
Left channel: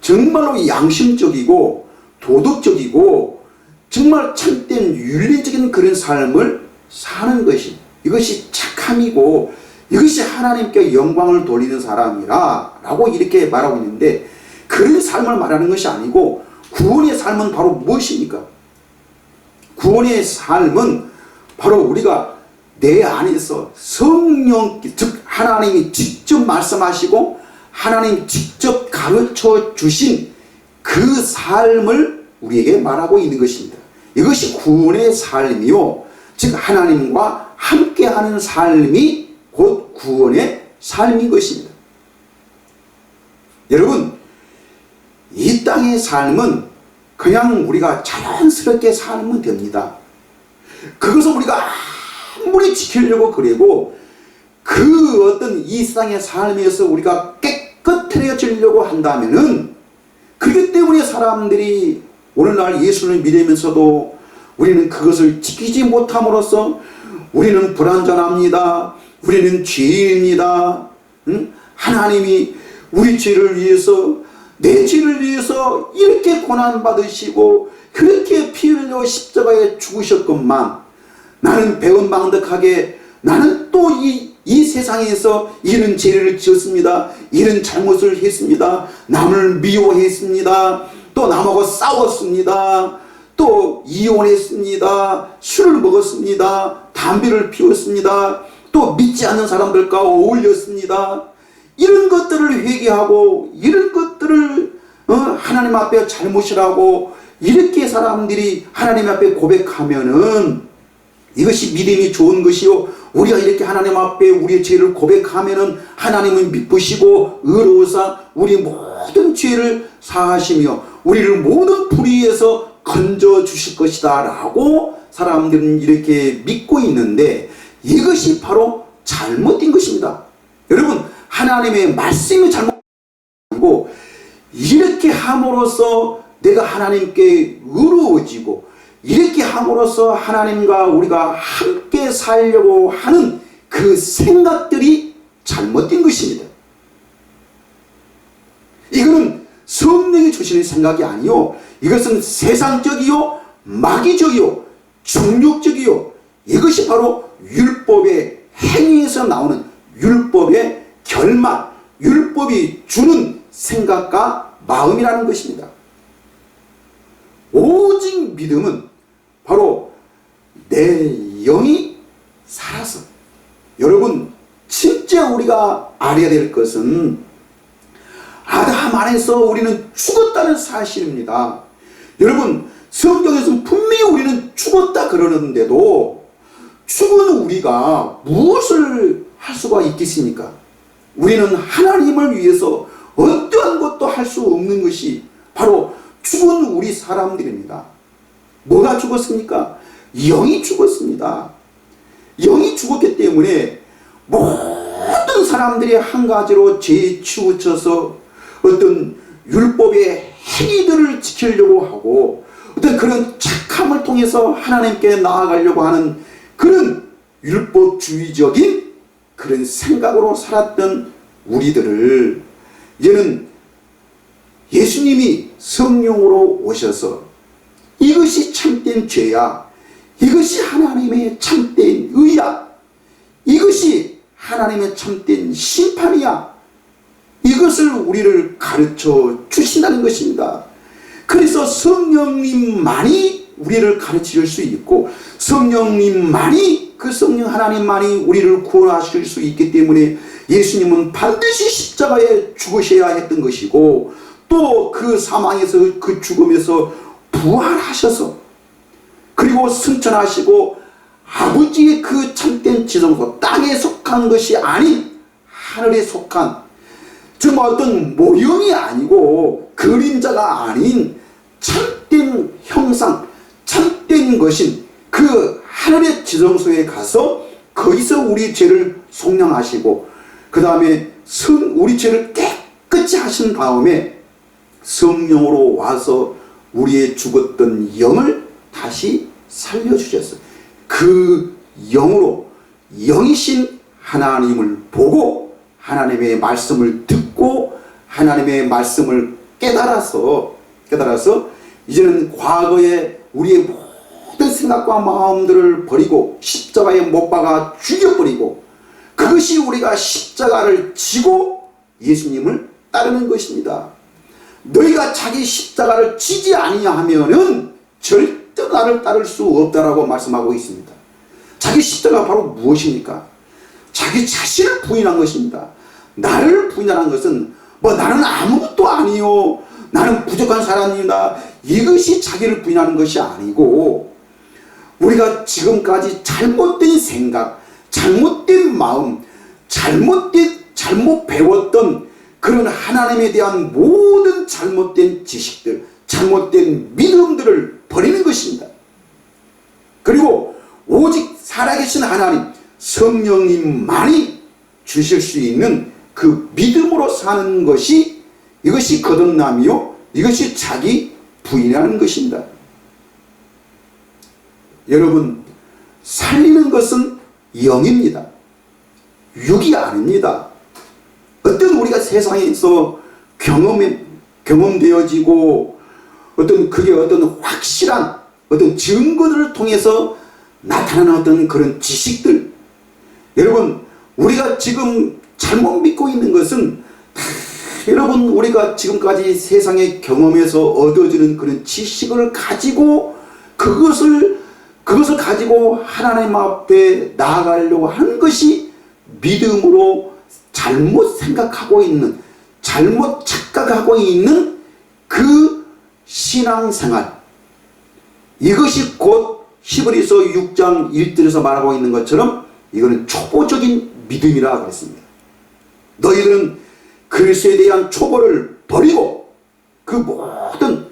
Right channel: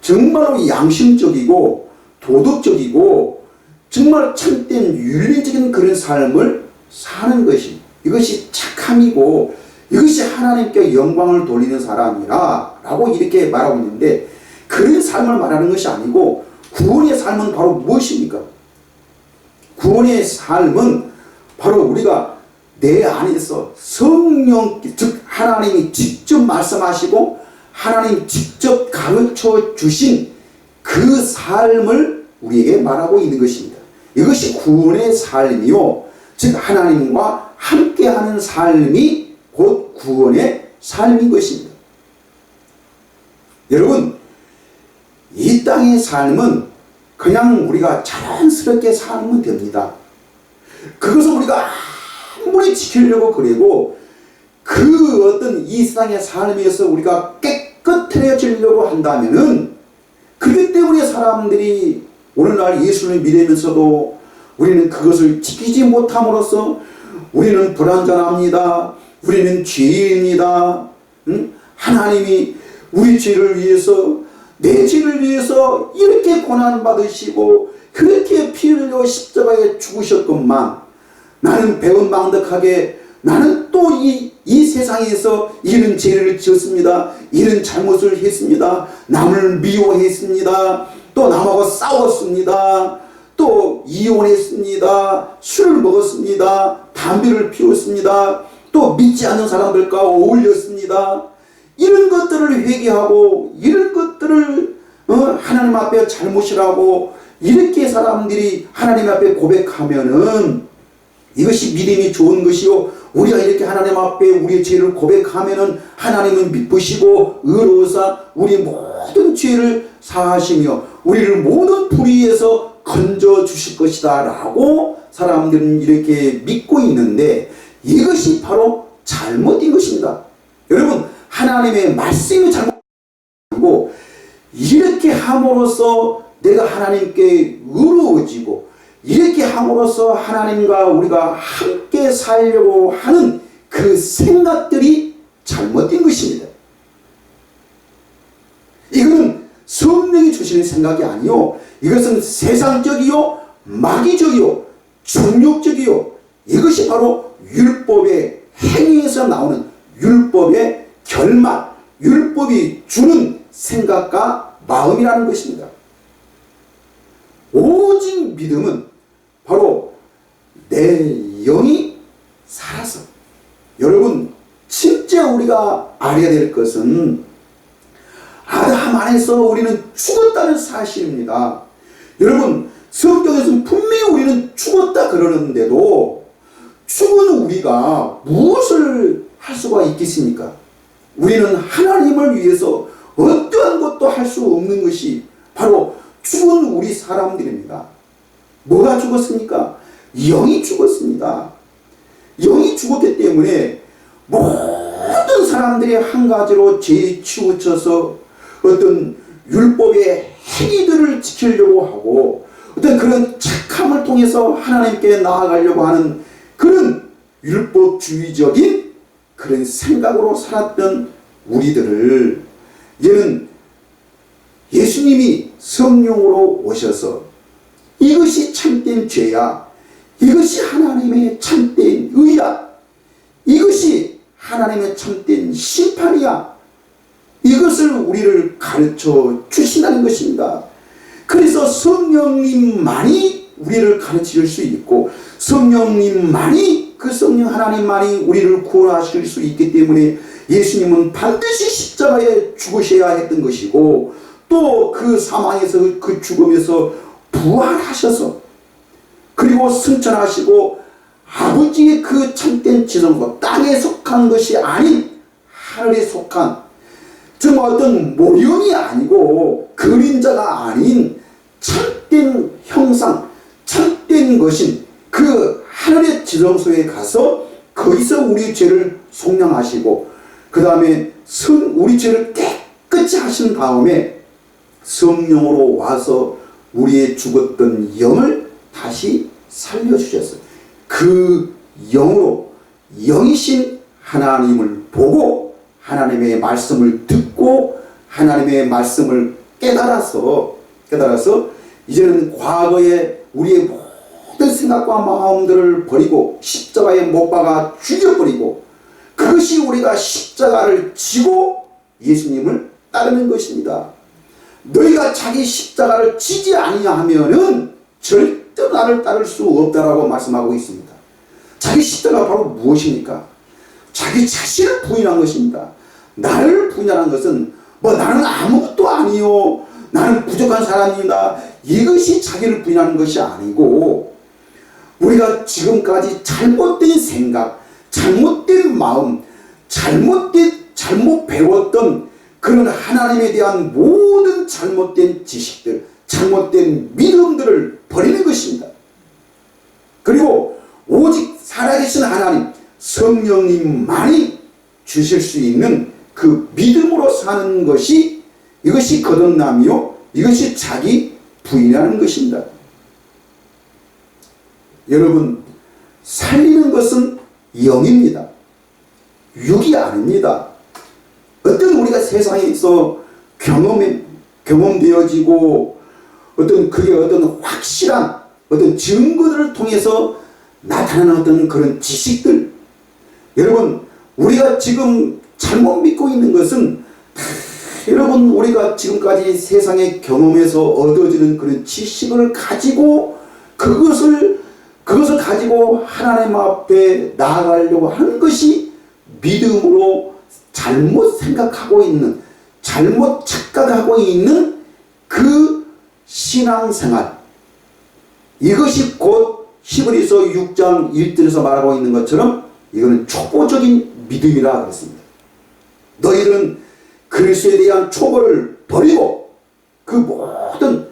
정말로 양심적이고 도덕적이고 정말 참된 윤리적인 그런 삶을 사는 것이, 이것이 착함이고 이것이 하나님께 영광을 돌리는 사람이라 라고 이렇게 말하고 있는데, 그런 삶을 말하는 것이 아니고 구원의 삶은 바로 무엇입니까? 구원의 삶은 바로 우리가 내 안에서 성령, 즉 하나님이 직접 말씀하시고 하나님 직접 가르쳐 주신 그 삶을 우리에게 말하고 있는 것입니다. 이것이 구원의 삶이요, 즉 하나님과 함께하는 삶이 곧 구원의 삶인 것입니다. 여러분, 이 땅의 삶은 그냥 우리가 자연스럽게 살면 됩니다. 그것을 우리가 아무리 지키려고 그래도 그 어떤 이 세상의 삶에서 우리가 깨끗해지려고 한다면은, 그렇기 때문에 사람들이 오늘날 예수를 믿으면서도 우리는 그것을 지키지 못함으로써 우리는 불완전합니다. 우리는 죄인입니다. 하나님이 우리 죄를 위해서, 내 죄를 위해서 이렇게 고난받으시고 그렇게 피 흘려 십자가에 죽으셨건만 나는 배은망덕하게 나는 또 이 세상에서 이런 죄를 지었습니다. 이런 잘못을 했습니다. 남을 미워했습니다. 또 남하고 싸웠습니다. 또 이혼했습니다. 술을 먹었습니다. 담배를 피웠습니다. 또 믿지 않는 사람들과 어울렸습니다. 이런 것들을 회개하고 이런 것들을 하나님 앞에 잘못이라고 이렇게 사람들이 하나님 앞에 고백하면은 이것이 믿음이 좋은 것이요, 우리가 이렇게 하나님 앞에 우리의 죄를 고백하면은 하나님은 미쁘시고 의로우사 우리 모든 죄를 사하시며 우리를 모든 불의에서 건져 주실 것이다 라고 사람들은 이렇게 믿고 있는데, 이것이 바로 잘못된 것입니다. 여러분, 하나님의 말씀이 잘못이고 이렇게 함으로써 내가 하나님께 의로워지고 이렇게 함으로써 하나님과 우리가 함께 살려고 하는 그 생각들이 잘못된 것입니다. 이거는 성령이 주시는 생각이 아니요, 이것은 세상적이요, 마귀적이요, 정욕적이요, 이것이 바로 율법의 행위에서 나오는 율법의 결말, 율법이 주는 생각과 마음이라는 것입니다. 오직 믿음은 바로 내 영이 살아서, 여러분 진짜 우리가 알아야 될 것은 아담 안에서 우리는 죽었다는 사실입니다. 여러분 성경에서는 분명히 우리는 죽었다 그러는데도 죽은 우리가 무엇을 할 수가 있겠습니까? 우리는 하나님을 위해서 어떠한 것도 할 수 없는 것이 바로 죽은 우리 사람들입니다. 뭐가 죽었습니까? 영이 죽었습니다. 영이 죽었기 때문에 모든 사람들이 한 가지로 죄에 치우쳐서 어떤 율법의 행위들을 지키려고 하고 어떤 그런 착함을 통해서 하나님께 나아가려고 하는 그런 율법주의적인 그런 생각으로 살았던 우리들을 이제는 예수님이 성령으로 오셔서 이것이 참된 죄야, 이것이 하나님의 참된 의야, 이것이 하나님의 참된 심판이야, 이것을 우리를 가르쳐 주신다는 것입니다. 그래서 성령님만이 우리를 가르칠 수 있고 성령님만이, 그 성령 하나님만이 우리를 구원하실 수 있기 때문에 예수님은 반드시 십자가에 죽으셔야 했던 것이고, 또 그 사망에서 그 죽음에서 부활하셔서 그리고 승천하시고 아버지의 그 참된 지성소, 땅에 속한 것이 아닌 하늘에 속한, 정말 어떤 모형이 아니고 그림자가 아닌 참된 형상, 참된 것인 그 하늘의 지성소에 가서 거기서 우리 죄를 속량하시고 그 다음에 우리 죄를 깨끗이 하신 다음에 성령으로 와서 우리의 죽었던 영을 다시 살려주셨어요. 그 영으로 영이신 하나님을 보고 하나님의 말씀을 듣고 하나님의 말씀을 깨달아서 이제는 과거에 우리의 모든 생각과 마음들을 버리고 십자가에 못 박아 죽여버리고, 그것이 우리가 십자가를 지고 예수님을 따르는 것입니다. 너희가 자기 십자가를 지지 아니하면은 절대 나를 따를 수 없다라고 말씀하고 있습니다. 자기 십자가 바로 무엇입니까? 자기 자신을 부인한 것입니다. 나를 부인하는 것은 나는 아무것도 아니요, 나는 부족한 사람입니다, 이것이 자기를 부인하는 것이 아니고, 우리가 지금까지 잘못된 생각, 잘못된 마음, 잘못 배웠던 그런 하나님에 대한 모든 잘못된 지식들, 잘못된 믿음들을 버리는 것입니다. 그리고 오직 살아계신 하나님 성령님만이 주실 수 있는 그 믿음으로 사는 것이, 이것이 거듭남이요, 이것이 자기 부인하는 것입니다. 여러분, 살리는 것은 영입니다. 육이 아닙니다. 어떤 우리가 세상에서 경험되어지고 그게 어떤 확실한 어떤 증거들을 통해서 나타나는 어떤 그런 지식들, 여러분 우리가 지금 잘못 믿고 있는 것은 여러분 우리가 지금까지 세상의 경험에서 얻어지는 그런 지식을 가지고 그것을 가지고 하나님 앞에 나아가려고 하는 것이 믿음으로 잘못 생각하고 있는, 잘못 착각하고 있는 그 신앙생활, 이것이 곧 히브리서 6장 1절에서 말하고 있는 것처럼 이거는 초보적인 믿음이라 그랬습니다. 너희들은 그리스도에 대한 초보를 버리고 그 모든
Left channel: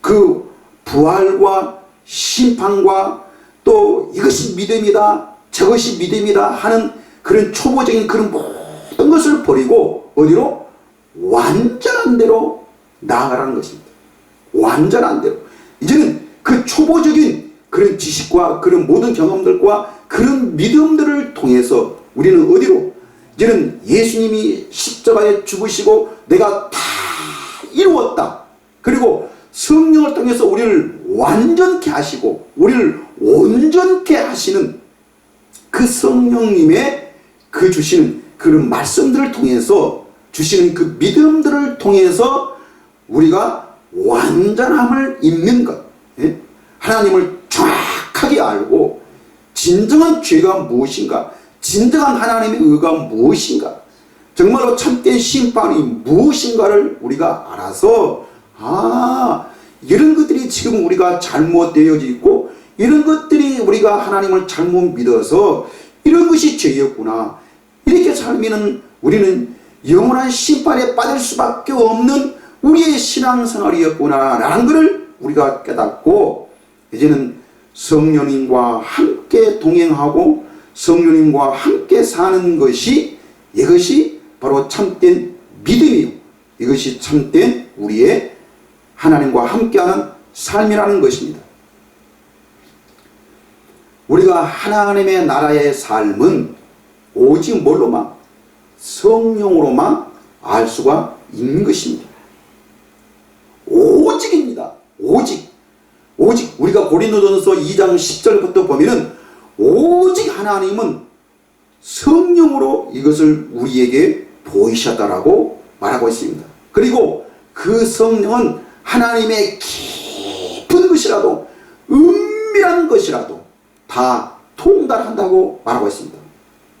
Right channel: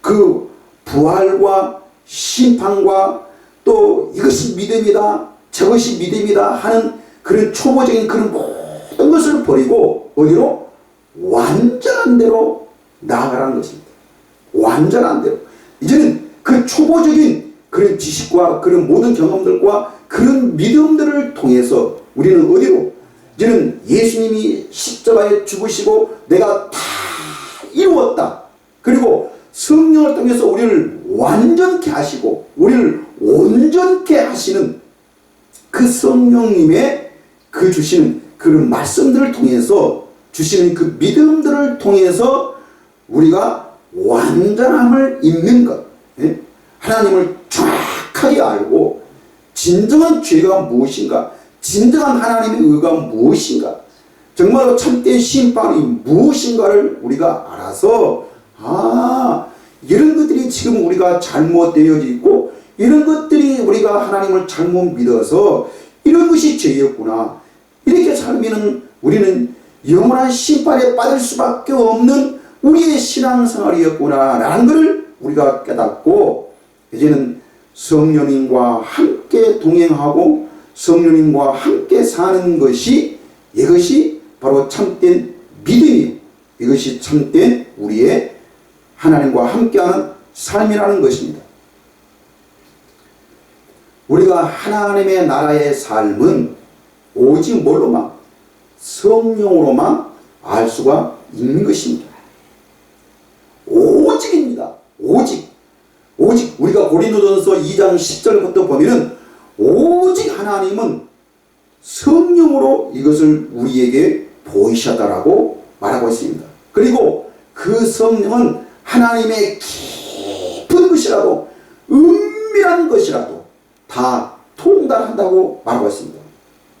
그 부활과 심판과 또 이것이 믿음이다, 저것이 믿음이다 하는 그런 초보적인 그런 모든 것을 버리고 어디로? 완전한 대로 나아가라는 것입니다. 완전한 대로. 이제는 그 초보적인 그런 지식과 그런 모든 경험들과 그런 믿음들을 통해서 우리는 어디로? 이제는 예수님이 십자가에 죽으시고 내가 다 이루었다. 그리고 성령을 통해서 우리를 완전케 하시고 우리를 온전케 하시는 그 성령님의 그 주시는 그런 말씀들을 통해서 주시는 그 믿음들을 통해서 우리가 완전함을 입는 것, 하나님을 정확하게 알고 진정한 죄가 무엇인가, 진정한 하나님의 의가 무엇인가, 정말로 참된 심판이 무엇인가를 우리가 알아서 이런 것들이 지금 우리가 잘못되어져 있고 이런 것들이 우리가 하나님을 잘못 믿어서 이런 것이 죄였구나, 이렇게 살면은 우리는 영원한 심판에 빠질 수밖에 없는 우리의 신앙생활이었구나 라는 것을 우리가 깨닫고 이제는 성령님과 함께 동행하고 성령님과 함께 사는 것이, 이것이 바로 참된 믿음이요, 이것이 참된 우리의 하나님과 함께하는 삶이라는 것입니다. 우리가 하나님의 나라의 삶은 오직 뭘로만? 성령으로만 알 수가 있는 것입니다. 오직입니다. 오직 우리가 고린도전서 2장 10절부터 보면은 오직 하나님은 성령으로 이것을 우리에게 보이셨다라고 말하고 있습니다. 그리고 그 성령은 하나님의 깊은 것이라도 은밀한 것이라도 다 통달한다고 말하고 있습니다.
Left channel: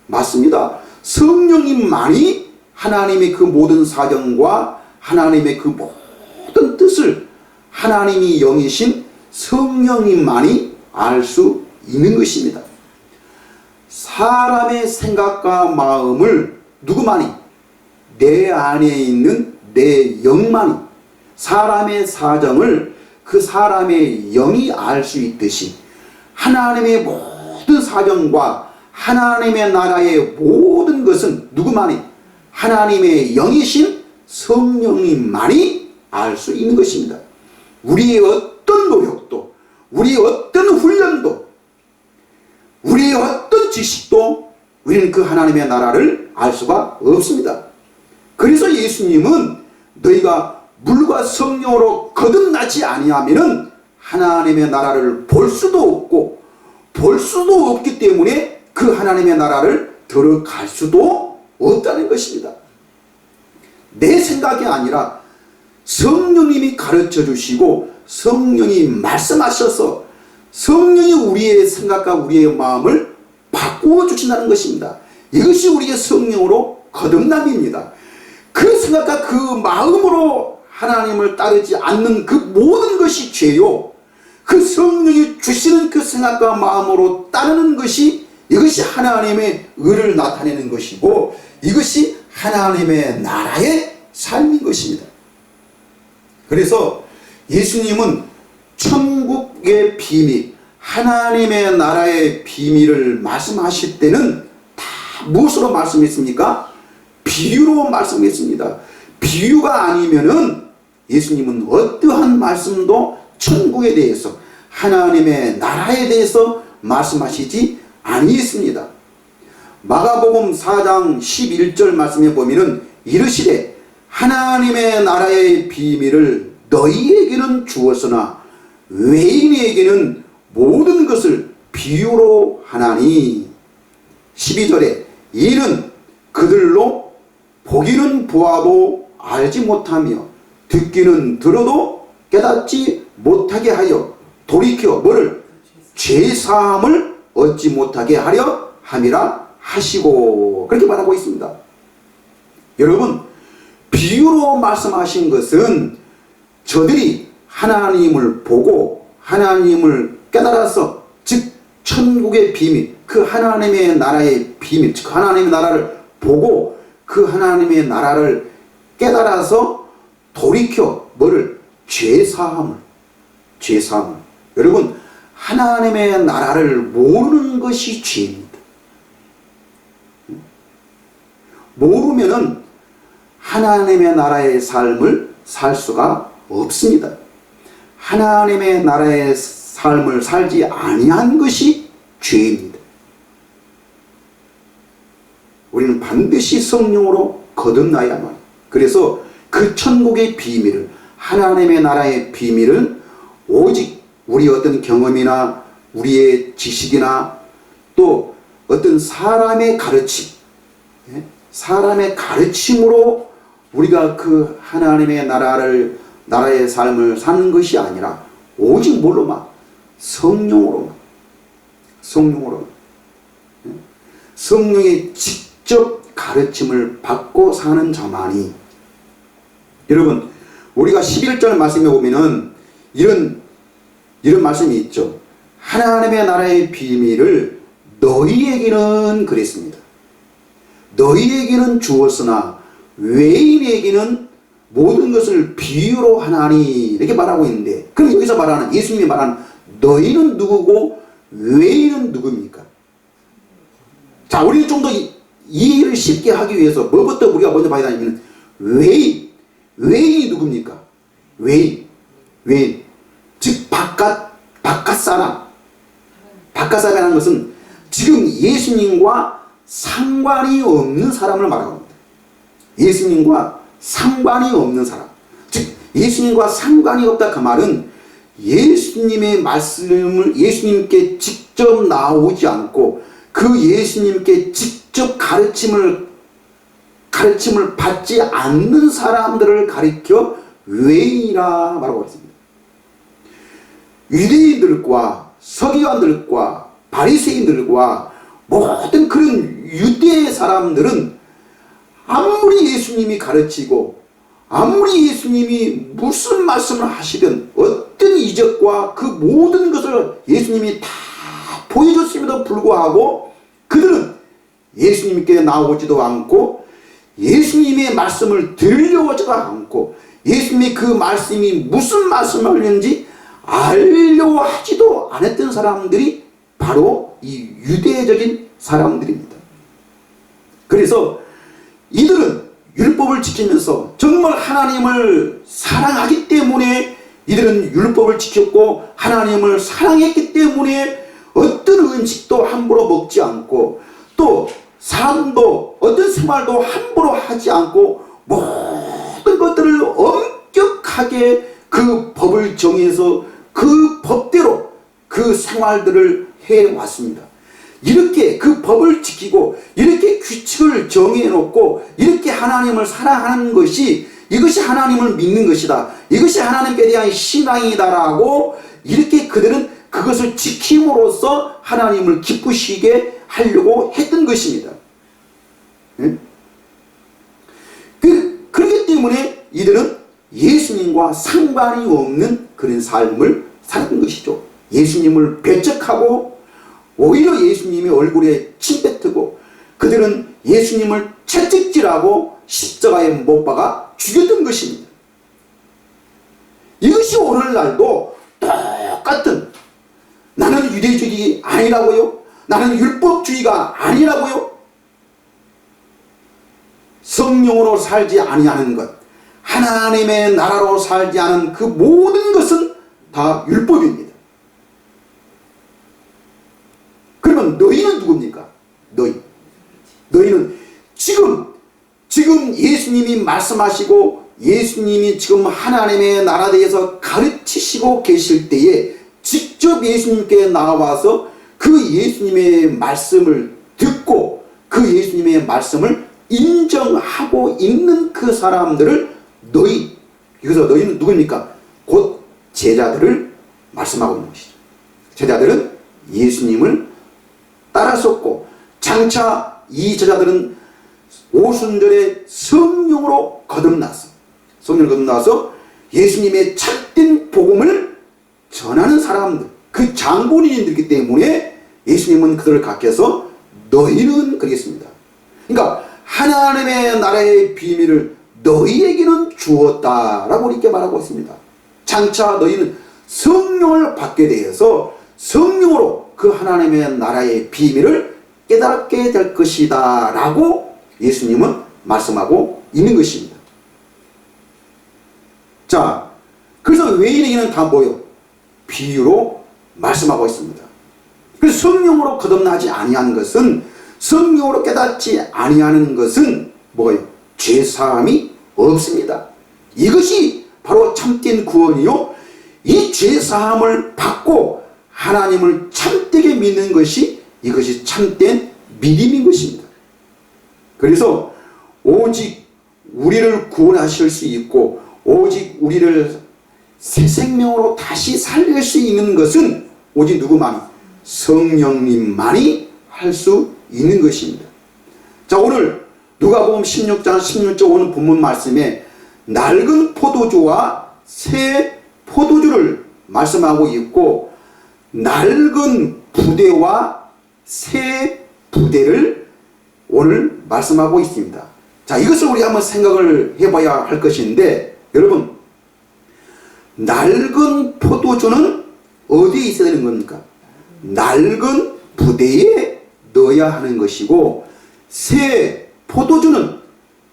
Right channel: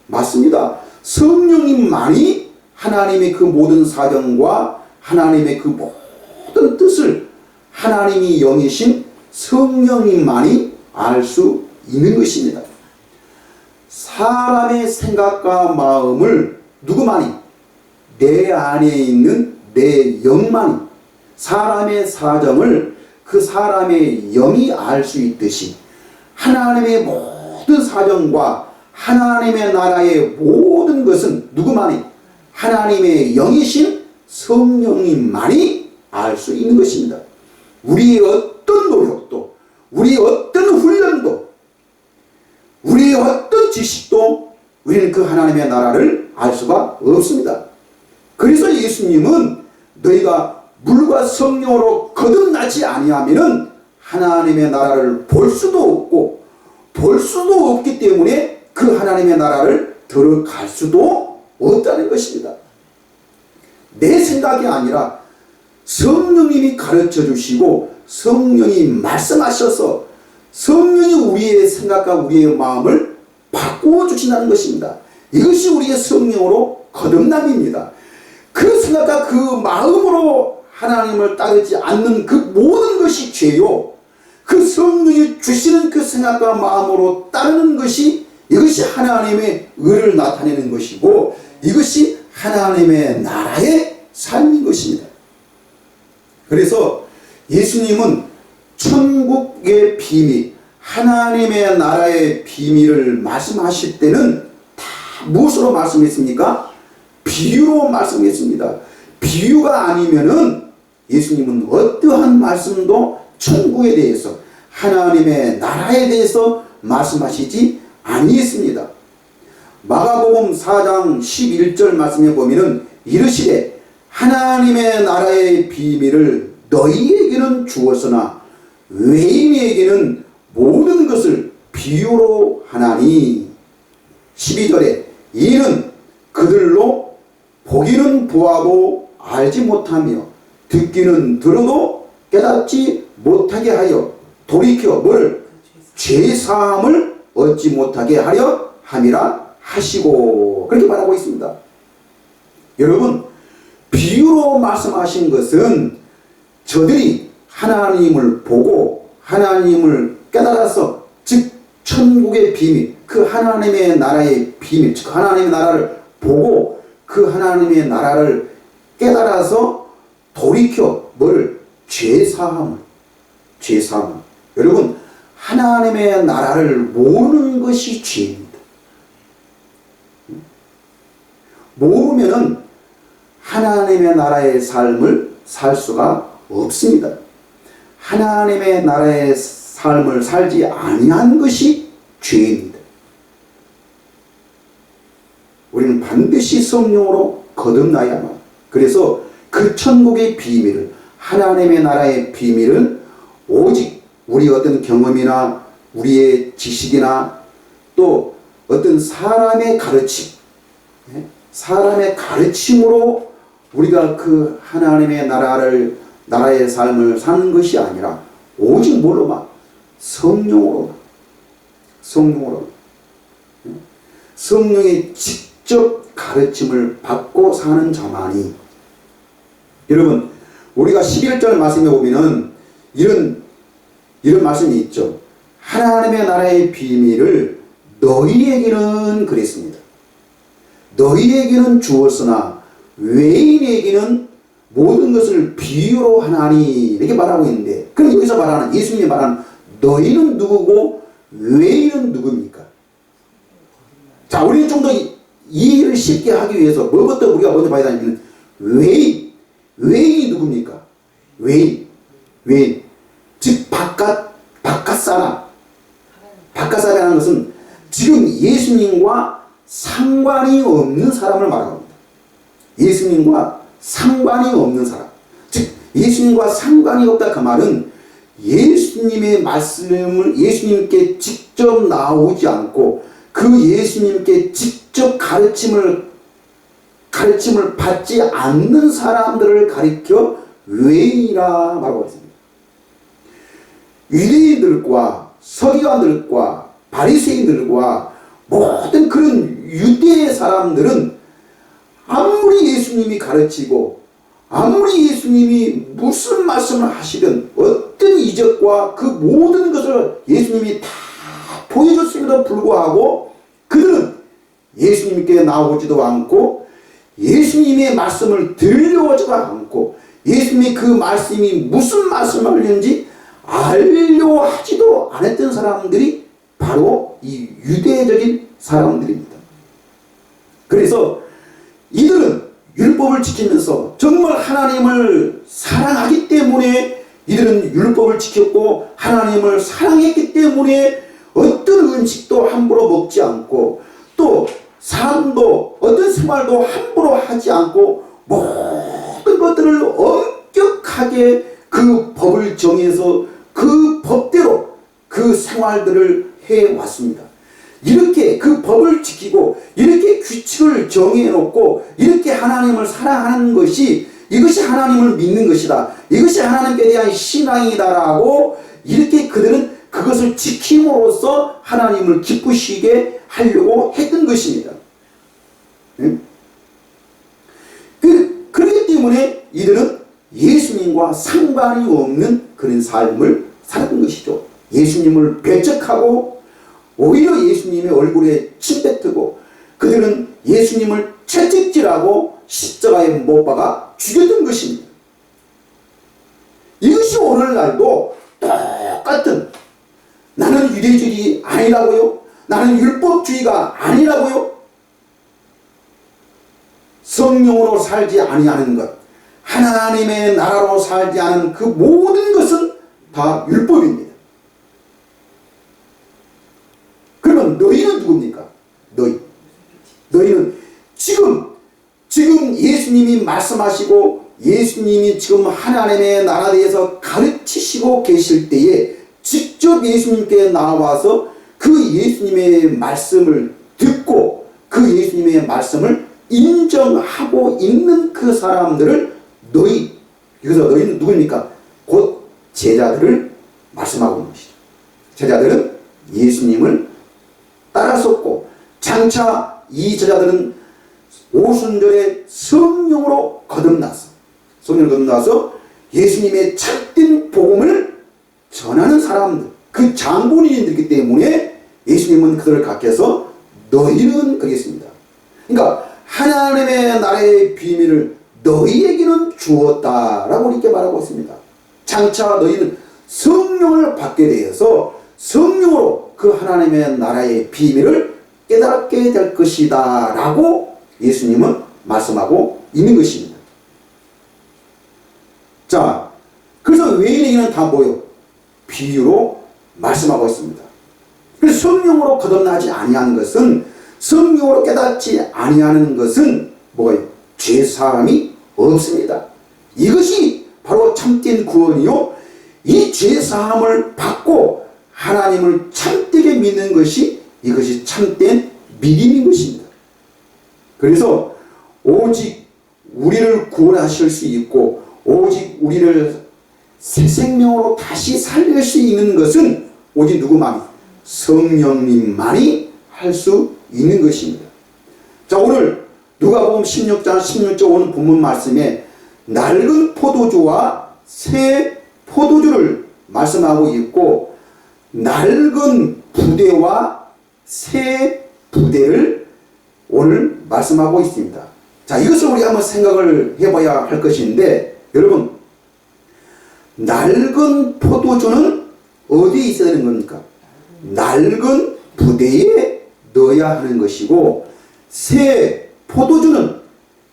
맞습니다. 성령님만이 하나님의 그 모든 사정과 하나님의 그 모든 뜻을 하나님이 영이신 성령님만이 알 수 있는 것입니다. 사람의 생각과 마음을 누구만이? 내 안에 있는 내 영만이, 사람의 사정을 그 사람의 영이 알 수 있듯이 하나님의 모든 사정과 하나님의 나라의 모든 것은 누구만이? 하나님의 영이신 성령님만이 알 수 있는 것입니다. 우리의 어떤 노력도, 우리의 어떤 훈련도, 우리의 어떤 지식도 우리는 그 하나님의 나라를 알 수가 없습니다. 그래서 예수님은 너희가 물과 성령으로 거듭나지 아니하면은 하나님의 나라를 볼 수도 없고 볼 수도 없기 때문에 그 하나님의 나라를 들어갈 수도 없다는 것입니다. 내 생각이 아니라 성령님이 가르쳐 주시고 성령이 말씀하셔서 성령이 우리의 생각과 우리의 마음을 바꾸어 주신다는 것입니다. 이것이 우리의 성령으로 거듭남입니다. 그 생각과 그 마음으로 하나님을 따르지 않는 그 모든 것이 죄요, 그 성령이 주시는 그 생각과 마음으로 따르는 것이, 이것이 하나님의 의를 나타내는 것이고 이것이 하나님의 나라의 삶인 것입니다. 그래서 예수님은 천국의 비밀, 하나님의 나라의 비밀을 말씀하실 때는 다 무엇으로 말씀했습니까? 비유로 말씀했습니다. 비유가 아니면은 예수님은 어떠한 말씀도 천국에 대해서, 하나님의 나라에 대해서 말씀하시지 아니했습니다. 마가복음 4장 11절 말씀에 보면은 이르시되 하나님의 나라의 비밀을 너희에게는 주었으나 외인에게는 모든 것을 비유로 하나니. 12절에 이는 그들로 보기는 보아도 알지 못하며 듣기는 들어도 깨닫지 못하게 하여 돌이켜 뭐를? 죄사함을 얻지 못하게 하려 함이라 하시고, 그렇게 말하고 있습니다. 여러분, 비유로 말씀하신 것은 저들이 하나님을 보고 하나님을 깨달아서, 즉 천국의 비밀, 그 하나님의 나라의 비밀, 즉 하나님의 나라를 보고 그 하나님의 나라를 깨달아서 돌이켜 뭐를? 죄사함을. 여러분, 하나님의 나라를 모르는 것이 죄입니다. 모르면은 하나님의 나라의 삶을 살 수가 없습니다. 하나님의 나라의 삶을 살지 아니한 것이 죄입니다. 우리는 반드시 성령으로 거듭나야만. 그래서 그 천국의 비밀을, 하나님의 나라의 비밀은 오직 우리 어떤 경험이나 우리의 지식이나 또 어떤 사람의 가르침, 사람의 가르침으로 우리가 그 하나님의 나라의 삶을 사는 것이 아니라 오직 뭘로만? 성령으로만. 성령의 직접 가르침을 받고 사는 자만이. 여러분, 우리가 11절 말씀에 보면은 이런 말씀이 있죠. 하나님의 나라의 비밀을 너희에게는 그랬습니다. 너희에게는 주었으나 외인에게는 모든 것을 비유로 하나니, 이렇게 말하고 있는데, 그럼 여기서 말하는, 예수님이 말하는 너희는 누구고 외인은 누굽니까? 자, 우리는 좀 더 이해를 쉽게 하기 위해서 뭐부터 우리가 먼저 봐야 되냐면 외인이 누굽니까? 외인. 즉 바깥 사람이라는 것은 지금 예수님과 상관이 없는 사람을 말합니다. 예수님과 상관이 없는 사람. 즉 예수님과 상관이 없다, 그 말은 예수님의 말씀을 예수님께 직접 나오지 않고 그 예수님께 직접 가르침을 받지 않는 사람들을 가리켜 외인이라 말하고 있습니다. 유대인들과 서기관들과 바리새인들과 모든 그런 유대 사람들은 아무리 예수님이 가르치고 아무리 예수님이 무슨 말씀을 하시든 어떤 이적과 그 모든 것을 예수님이 다 보여줬음에도 불구하고 그들은 예수님께 나오지도 않고 예수님의 말씀을 들려오지도 않고 예수님이 그 말씀이 무슨 말씀을 하는지 알려 하지도 않았던 사람들이 바로 이 유대적인 사람들입니다. 그래서 이들은 율법을 지키면서 정말 하나님을 사랑하기 때문에 이들은 율법을 지켰고 하나님을 사랑했기 때문에 어떤 음식도 함부로 먹지 않고 또 삶도 어떤 생활도 함부로 하지 않고 모든 것들을 엄격하게 그 법을 정해서 그 법대로 그 생활들을 해왔습니다. 이렇게 그 법을 지키고 이렇게 규칙을 정해놓고 이렇게 하나님을 사랑하는 것이 이것이 하나님을 믿는 것이다. 이것이 하나님께 대한 신앙이다라고 이렇게 그들은 그것을 지킴으로써 하나님을 기쁘시게 하려고 했던 것입니다. 그렇기 때문에 이들은 예수님과 상관이 없는 그런 삶을 살았던 것이죠. 예수님을 배척하고 오히려 예수님의 얼굴에 침 뱉고 그들은 예수님을 채찍질하고 십자가에 못 박아 죽였던 것입니다. 이것이 오늘날도 똑같은, 나는 유대주의 아니라고요? 나는 율법주의가 아니라고요? 성령으로 살지 아니하는 것, 하나님의 나라로 살지 않은 그 모든 것은 다 율법입니다. 그러면 너희는 누굽니까? 너희는 지금 예수님이 말씀하시고 예수님이 지금 하나님의 나라에 대해서 가르치시고 계실 때에 직접 예수님께 나와서 그 예수님의 말씀을 듣고 그 예수님의 말씀을 인정하고 있는 그 사람들을 여기서 너희는 누굽니까? 곧 제자들을 말씀하고 있는 것이죠. 제자들은 예수님을 따라섰고 장차 이 제자들은 오순절에 성령으로 거듭나서 예수님의 참된 복음을 전하는 사람들, 그 장본인들이기 때문에 예수님은 그들을 가르쳐서 너희는 그러겠습니다. 그러니까 하나님의 나라의 비밀을 너희에게는 주었다라고 이렇게 말하고 있습니다. 장차 너희는 성령을 받게 되어서 성령으로 그 하나님의 나라의 비밀을 깨닫게 될 것이다 라고 예수님은 말씀하고 있는 것입니다. 자, 그래서 외인에게는 다 뭐요? 비유로 말씀하고 있습니다. 그래서 성령으로 거듭나지 아니한 것은, 성령으로 깨닫지 아니하는 것은 뭐예요? 죄사함이 없습니다. 이것이 바로 참된 구원이요, 이 죄사함을 받고 하나님을 참되게 믿는 것이, 이것이 참된 믿음인 것입니다. 그래서 오직 우리를 구원하실 수 있고 오직 우리를 새 생명으로 다시 살릴 수 있는 것은 오직 누구만? 성령님만이 할 수 있는 것입니다. 자, 오늘 누가복음 16장 16절 본문 말씀에 낡은 포도주와 새 포도주를 말씀하고 있고, 낡은 부대와 새 부대를 오늘 말씀하고 있습니다. 자, 이것을 우리 한번 생각을 해봐야 할 것인데, 여러분, 낡은 포도주는 어디에 있어야 되는 겁니까? 낡은 부대에 넣어야 하는 것이고, 새 포도주는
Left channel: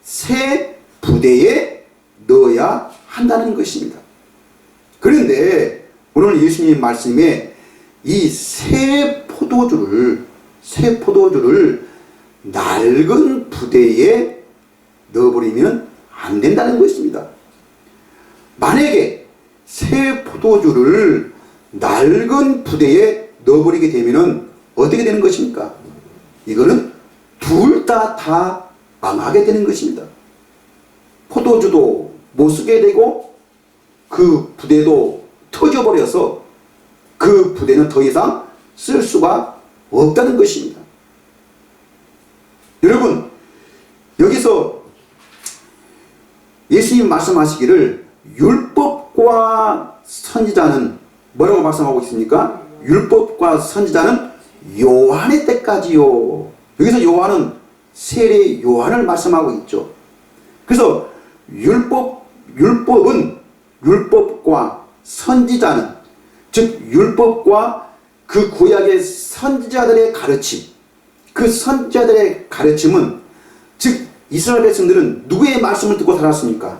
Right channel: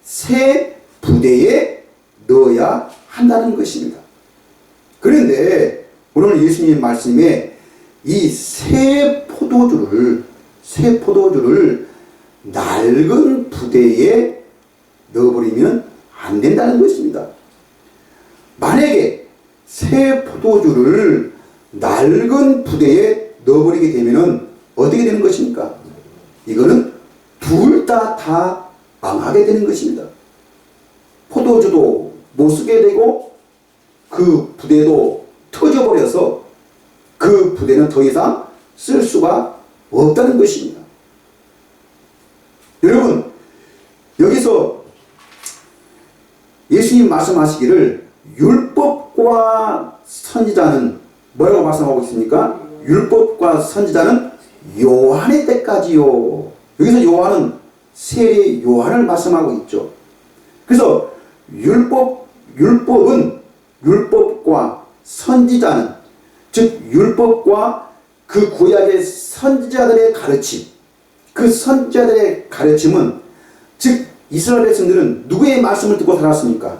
새 부대에 넣어야 한다는 것입니다. 그런데 오늘 예수님 말씀에 이 새 포도주를 낡은 부대에 넣어버리면 안 된다는 것입니다. 만약에 새 포도주를 낡은 부대에 넣어버리게 되면 어떻게 되는 것입니까? 이거는 둘 다 망하게 되는 것입니다. 포도주도 못 쓰게 되고 그 부대도 터져버려서 그 부대는 더 이상 쓸 수가 없다는 것입니다. 여러분, 여기서 예수님 말씀하시기를 율법과 선지자는 뭐라고 말씀하고 있습니까? 율법과 선지자는 요한의 때까지요. 여기서 요한은 세례 요한을 말씀하고 있죠. 그래서 율법과 선지자는, 즉 율법과 그 구약의 선지자들의 가르침, 그 선지자들의 가르침은, 즉 이스라엘 백성들은 누구의 말씀을 듣고 살았습니까?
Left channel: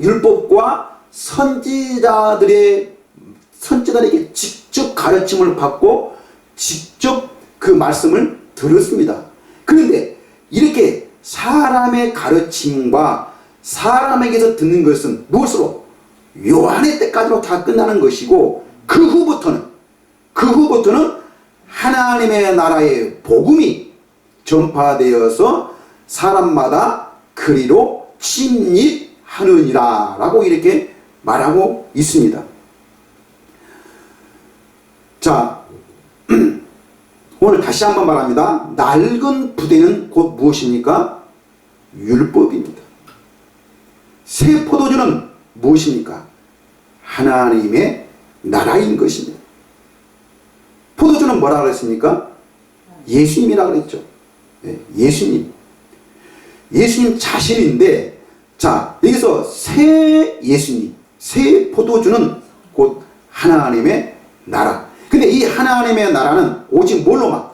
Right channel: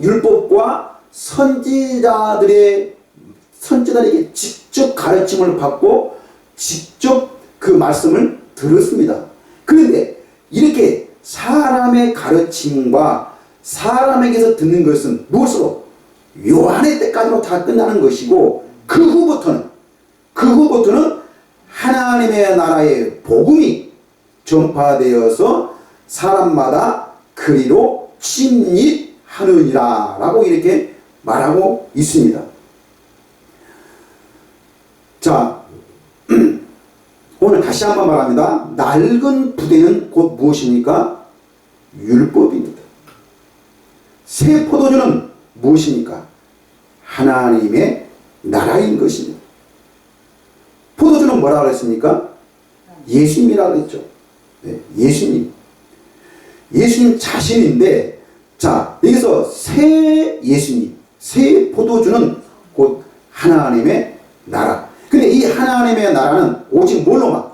율법과 선지자들에게 직접 가르침을 받고 직접 그 말씀을 들었습니다. 그런데 이렇게 사람의 가르침과 사람에게서 듣는 것은 무엇으로? 요한의 때까지로 다 끝나는 것이고, 그 후부터는 하나님의 나라의 복음이 전파되어서 사람마다 그리로 침입하느니라 라고 이렇게 말하고 있습니다. 자, 오늘 다시 한번 말합니다. 낡은 부대는 곧 무엇입니까? 율법입니다. 새 포도주는 무엇입니까? 하나님의 나라인 것입니다. 포도주는 뭐라고 그랬습니까? 예수님이라고 그랬죠. 네, 예수님 자신인데, 자, 여기서 새 예수님, 새 포도주는 곧 하나님의 나라. 근데 이 하나님의 나라는 오직 뭘로만?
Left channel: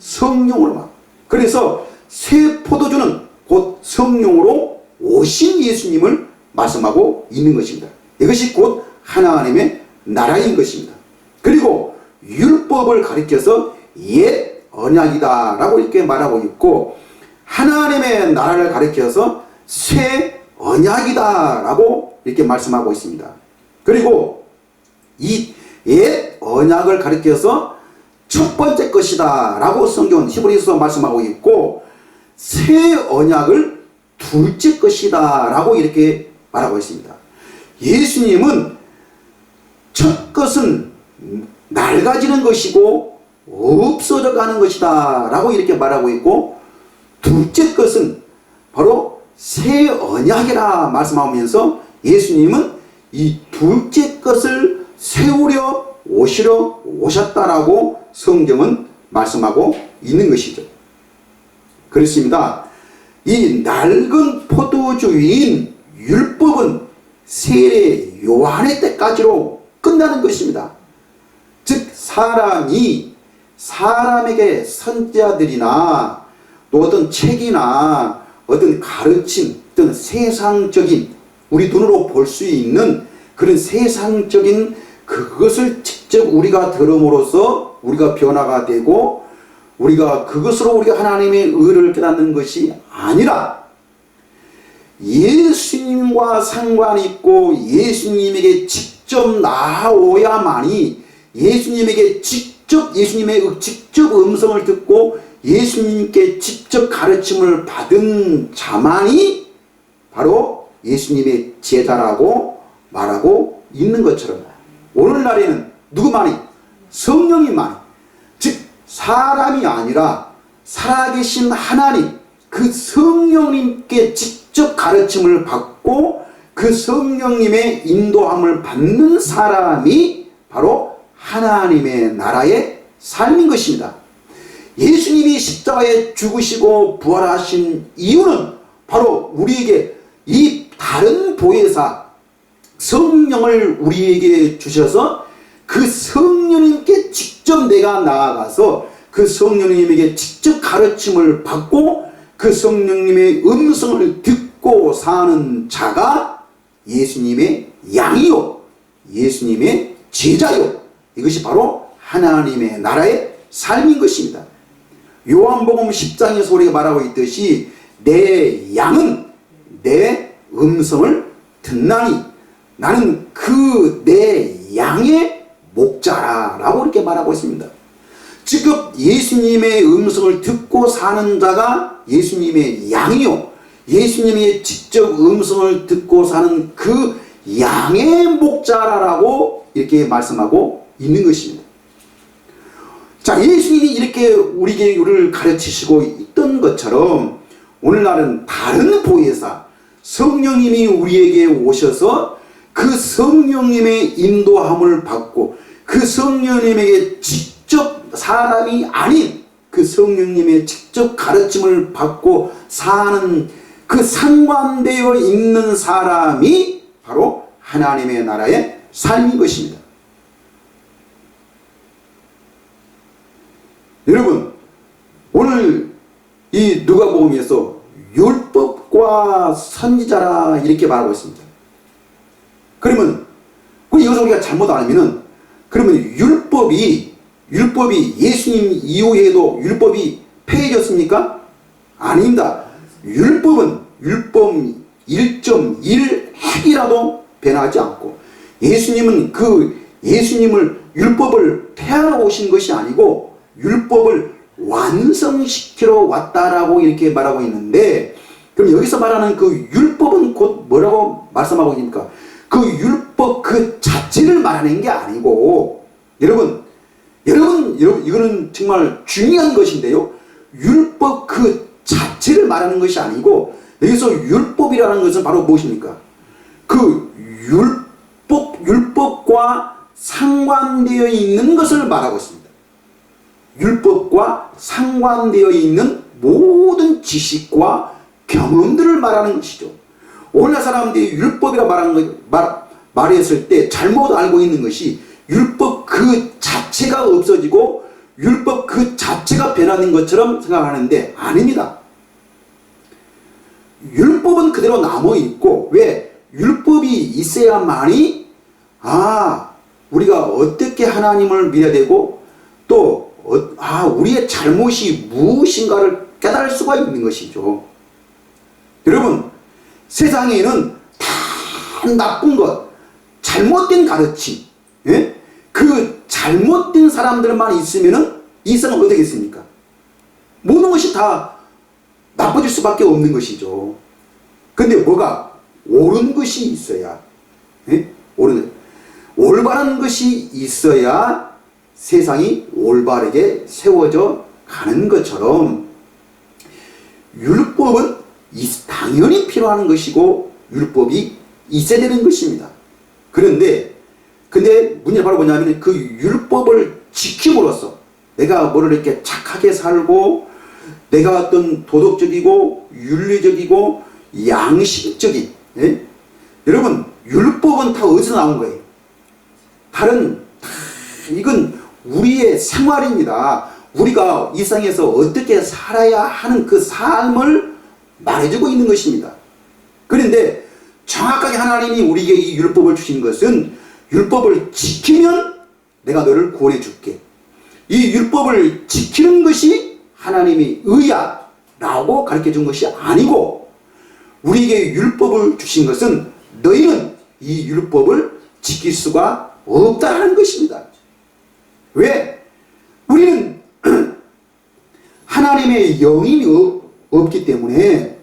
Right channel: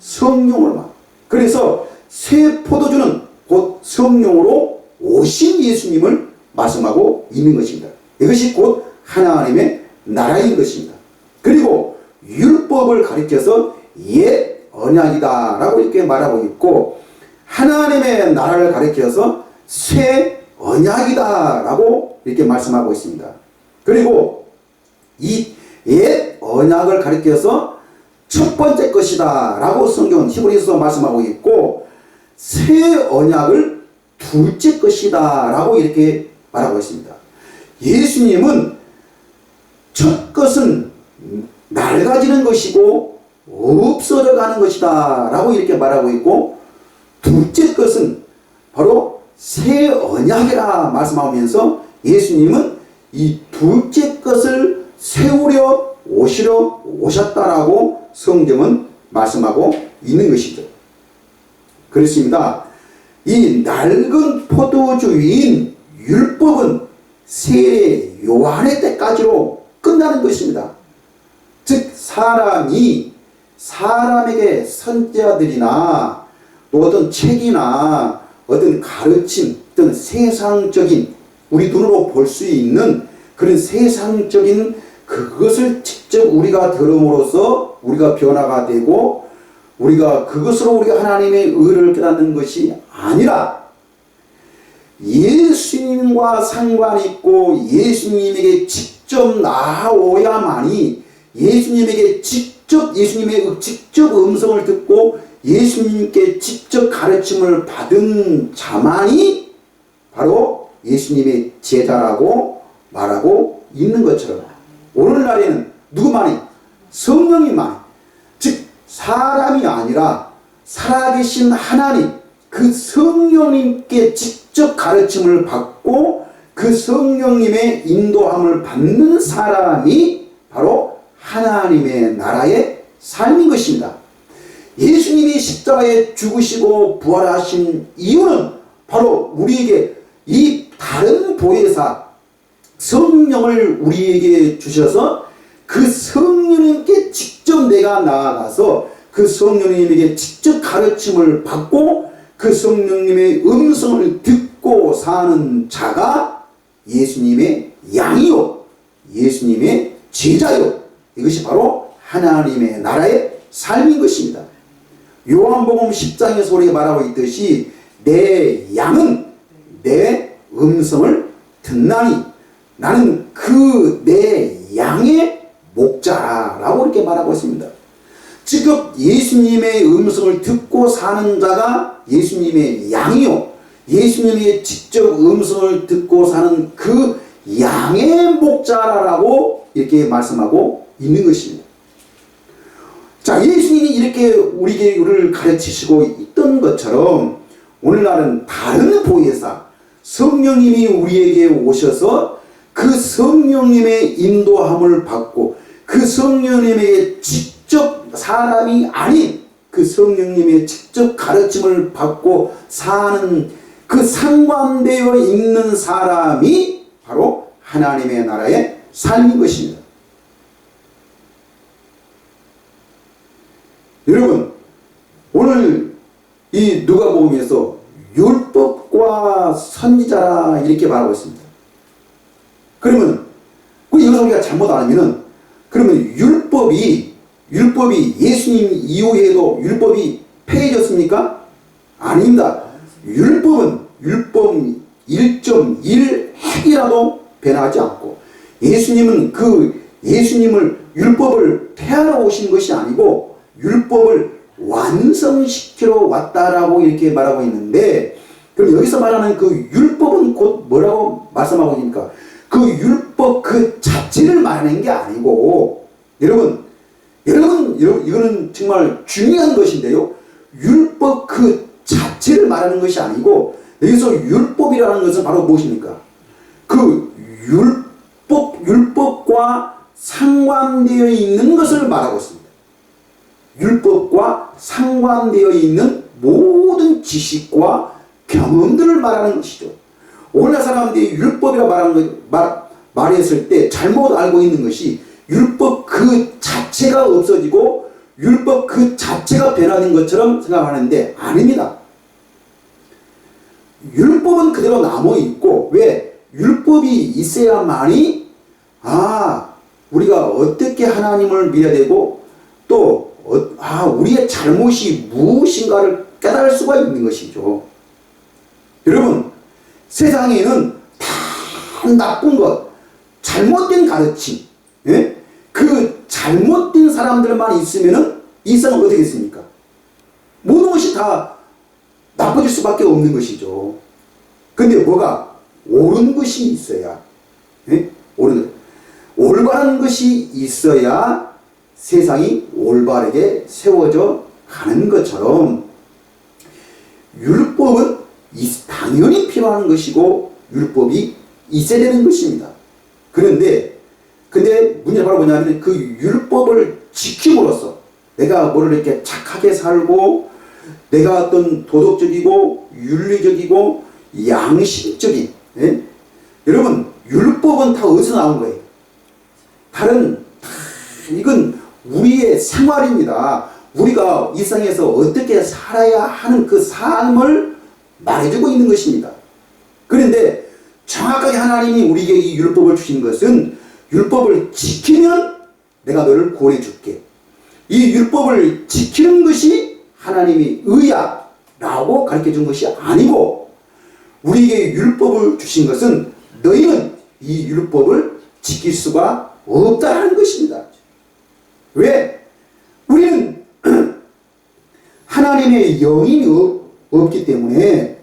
성령으로만. 그래서 새 포도주는 곧 성령으로 오신 예수님을 말씀하고 있는 것입니다. 이것이 곧 하나님의 나라인 것입니다. 그리고 율법을 가리켜서 옛 언약이다 라고 이렇게 말하고 있고, 하나님의 나라를 가리켜서 새 언약이다 라고 이렇게 말씀하고 있습니다. 그리고 이 옛 언약을 가리켜서 첫 번째 것이다 라고 성경은 히브리서서 말씀하고 있고, 새 언약을 둘째 것이다 라고 이렇게 말하고 있습니다. 예수님은 첫 것은 낡아지는 것이고 없어져 가는 것이다 라고 이렇게 말하고 있고, 둘째 것은 바로 새 언약이라 말씀하면서 예수님은 이 둘째 것을 세우려 오셨다라고 성경은 말씀하고 있는 것이죠. 그렇습니다. 이 낡은 포도주인 율법은 세례 요한의 때까지로 끝나는 것입니다. 즉 사람에게 선지자들이나 또 어떤 책이나 어떤 가르침, 어떤 세상적인 우리 눈으로 볼 수 있는 그런 세상적인 그것을 직접 우리가 들음으로써 우리가 변화가 되고 우리가 그것으로 우리가 하나님의 의를 깨닫는 것이 아니라 예수님과 상관 있고 예수님에게 직접 나아오야만이 예수님의 직접 음성을 듣고 예수님께 직접 가르침을 받은 자만이 바로 예수님의 제자라고 말하고 있는 것처럼 오늘날에는 누구만이? 성령님만이, 즉 사람이 아니라 살아계신 하나님 그 성령님께 직접 가르침을 받고 그 성령님의 인도함을 받는 사람이 바로 하나님의 나라의 삶인 것입니다. 예수님이 십자가에 죽으시고 부활하신 이유는 바로 우리에게 이 다른 보혜사 성령을 우리에게 주셔서 그 성령님께 직접 내가 나아가서 그 성령님에게 직접 가르침을 받고 그 성령님의 음성을 듣고 사는 자가 예수님의 양이요 예수님의 제자요 이것이 바로 하나님의 나라의 삶인 것입니다. 요한복음 10장에서 우리가 말하고 있듯이 내 양은 내 음성을 듣나니 나는 그 내 양의 목자라고 이렇게 말하고 있습니다. 즉 예수님의 음성을 듣고 사는 자가 예수님의 양이요 예수님의 직접 음성을 듣고 사는 그 양의 목자라고 이렇게 말씀하고 있는 것입니다. 자, 예수님이 이렇게 우리를 가르치시고 있던 것처럼 오늘날은 다른 보혜사 성령님이 우리에게 오셔서 그 성령님의 인도함을 받고 그 성령님에게 직접 사람이 아닌 그 성령님의 직접 가르침을 받고 사는 그 상관되어 있는 사람이 바로 하나님의 나라의 삶인 것입니다. 여러분 오늘 이 누가복음에서 율법과 선지자라 이렇게 말하고 있습니다. 그러면 여기서 우리가 잘못 알면은 그러면 율법이 예수님 이후에도 율법이 폐해졌습니까? 아닙니다. 율법은 율법 1.1 핵이라도 변하지 않고 예수님은 예수님을 율법을 폐하러 오신 것이 아니고 율법을 완성시키러 왔다라고 이렇게 말하고 있는데 그럼 여기서 말하는 그 율법은 곧 뭐라고 말씀하고 있습니까? 그 율법 그 자체를 말하는 게 아니고 여러분 이거는 정말 중요한 것인데요. 율법 그 자체를 말하는 것이 아니고 여기서 율법이라는 것은 바로 무엇입니까? 그 율법과 상관되어 있는 것을 말하고 있습니다. 율법과 상관되어 있는 모든 지식과 경험들을 말하는 것이죠. 오늘날 사람들이 율법이라 말했을 때 잘못 알고 있는 것이 율법 그 자체가 없어지고 율법 그 자체가 변화된 것처럼 생각하는데 아닙니다. 율법은 그대로 남아있고 왜? 율법이 있어야만이 우리가 어떻게 하나님을 믿어야 되고 또 우리의 잘못이 무엇인가를 깨달을 수가 있는 것이죠. 여러분 세상에는 다 나쁜 것 잘못된 가르침 그 잘못된 사람들만 있으면 이 세상은 어떻게 겠습니까? 모든 것이 다 나빠질 수밖에 없는 것이죠. 근데 뭐가 옳은 것이 있어야 올바른 것이 있어야 세상이 올바르게 세워져 가는 것처럼 율법은 당연히 필요한 것이고 율법이 있어야 되는 것입니다. 근데 문제는 바로 뭐냐면 그 율법을 지킴으로써 내가 뭐를 이렇게 착하게 살고 내가 어떤 도덕적이고 윤리적이고 양심적인 여러분 율법은 다 어디서 나온 거예요? 이건 우리의 생활입니다. 우리가 이 세상에서 어떻게 살아야 하는 그 삶을 말해주고 있는 것입니다. 그런데 정확하게 하나님이 우리에게 이 율법을 주신 것은 율법을 지키면 내가 너를 구원해 줄게. 이 율법을 지키는 것이 하나님의 의야 라고 가르쳐 준 것이 아니고, 우리에게 율법을 주신 것은 너희는 이 율법을 지킬 수가 없다는 것입니다. 왜? 우리는 하나님의 영이 없기 때문에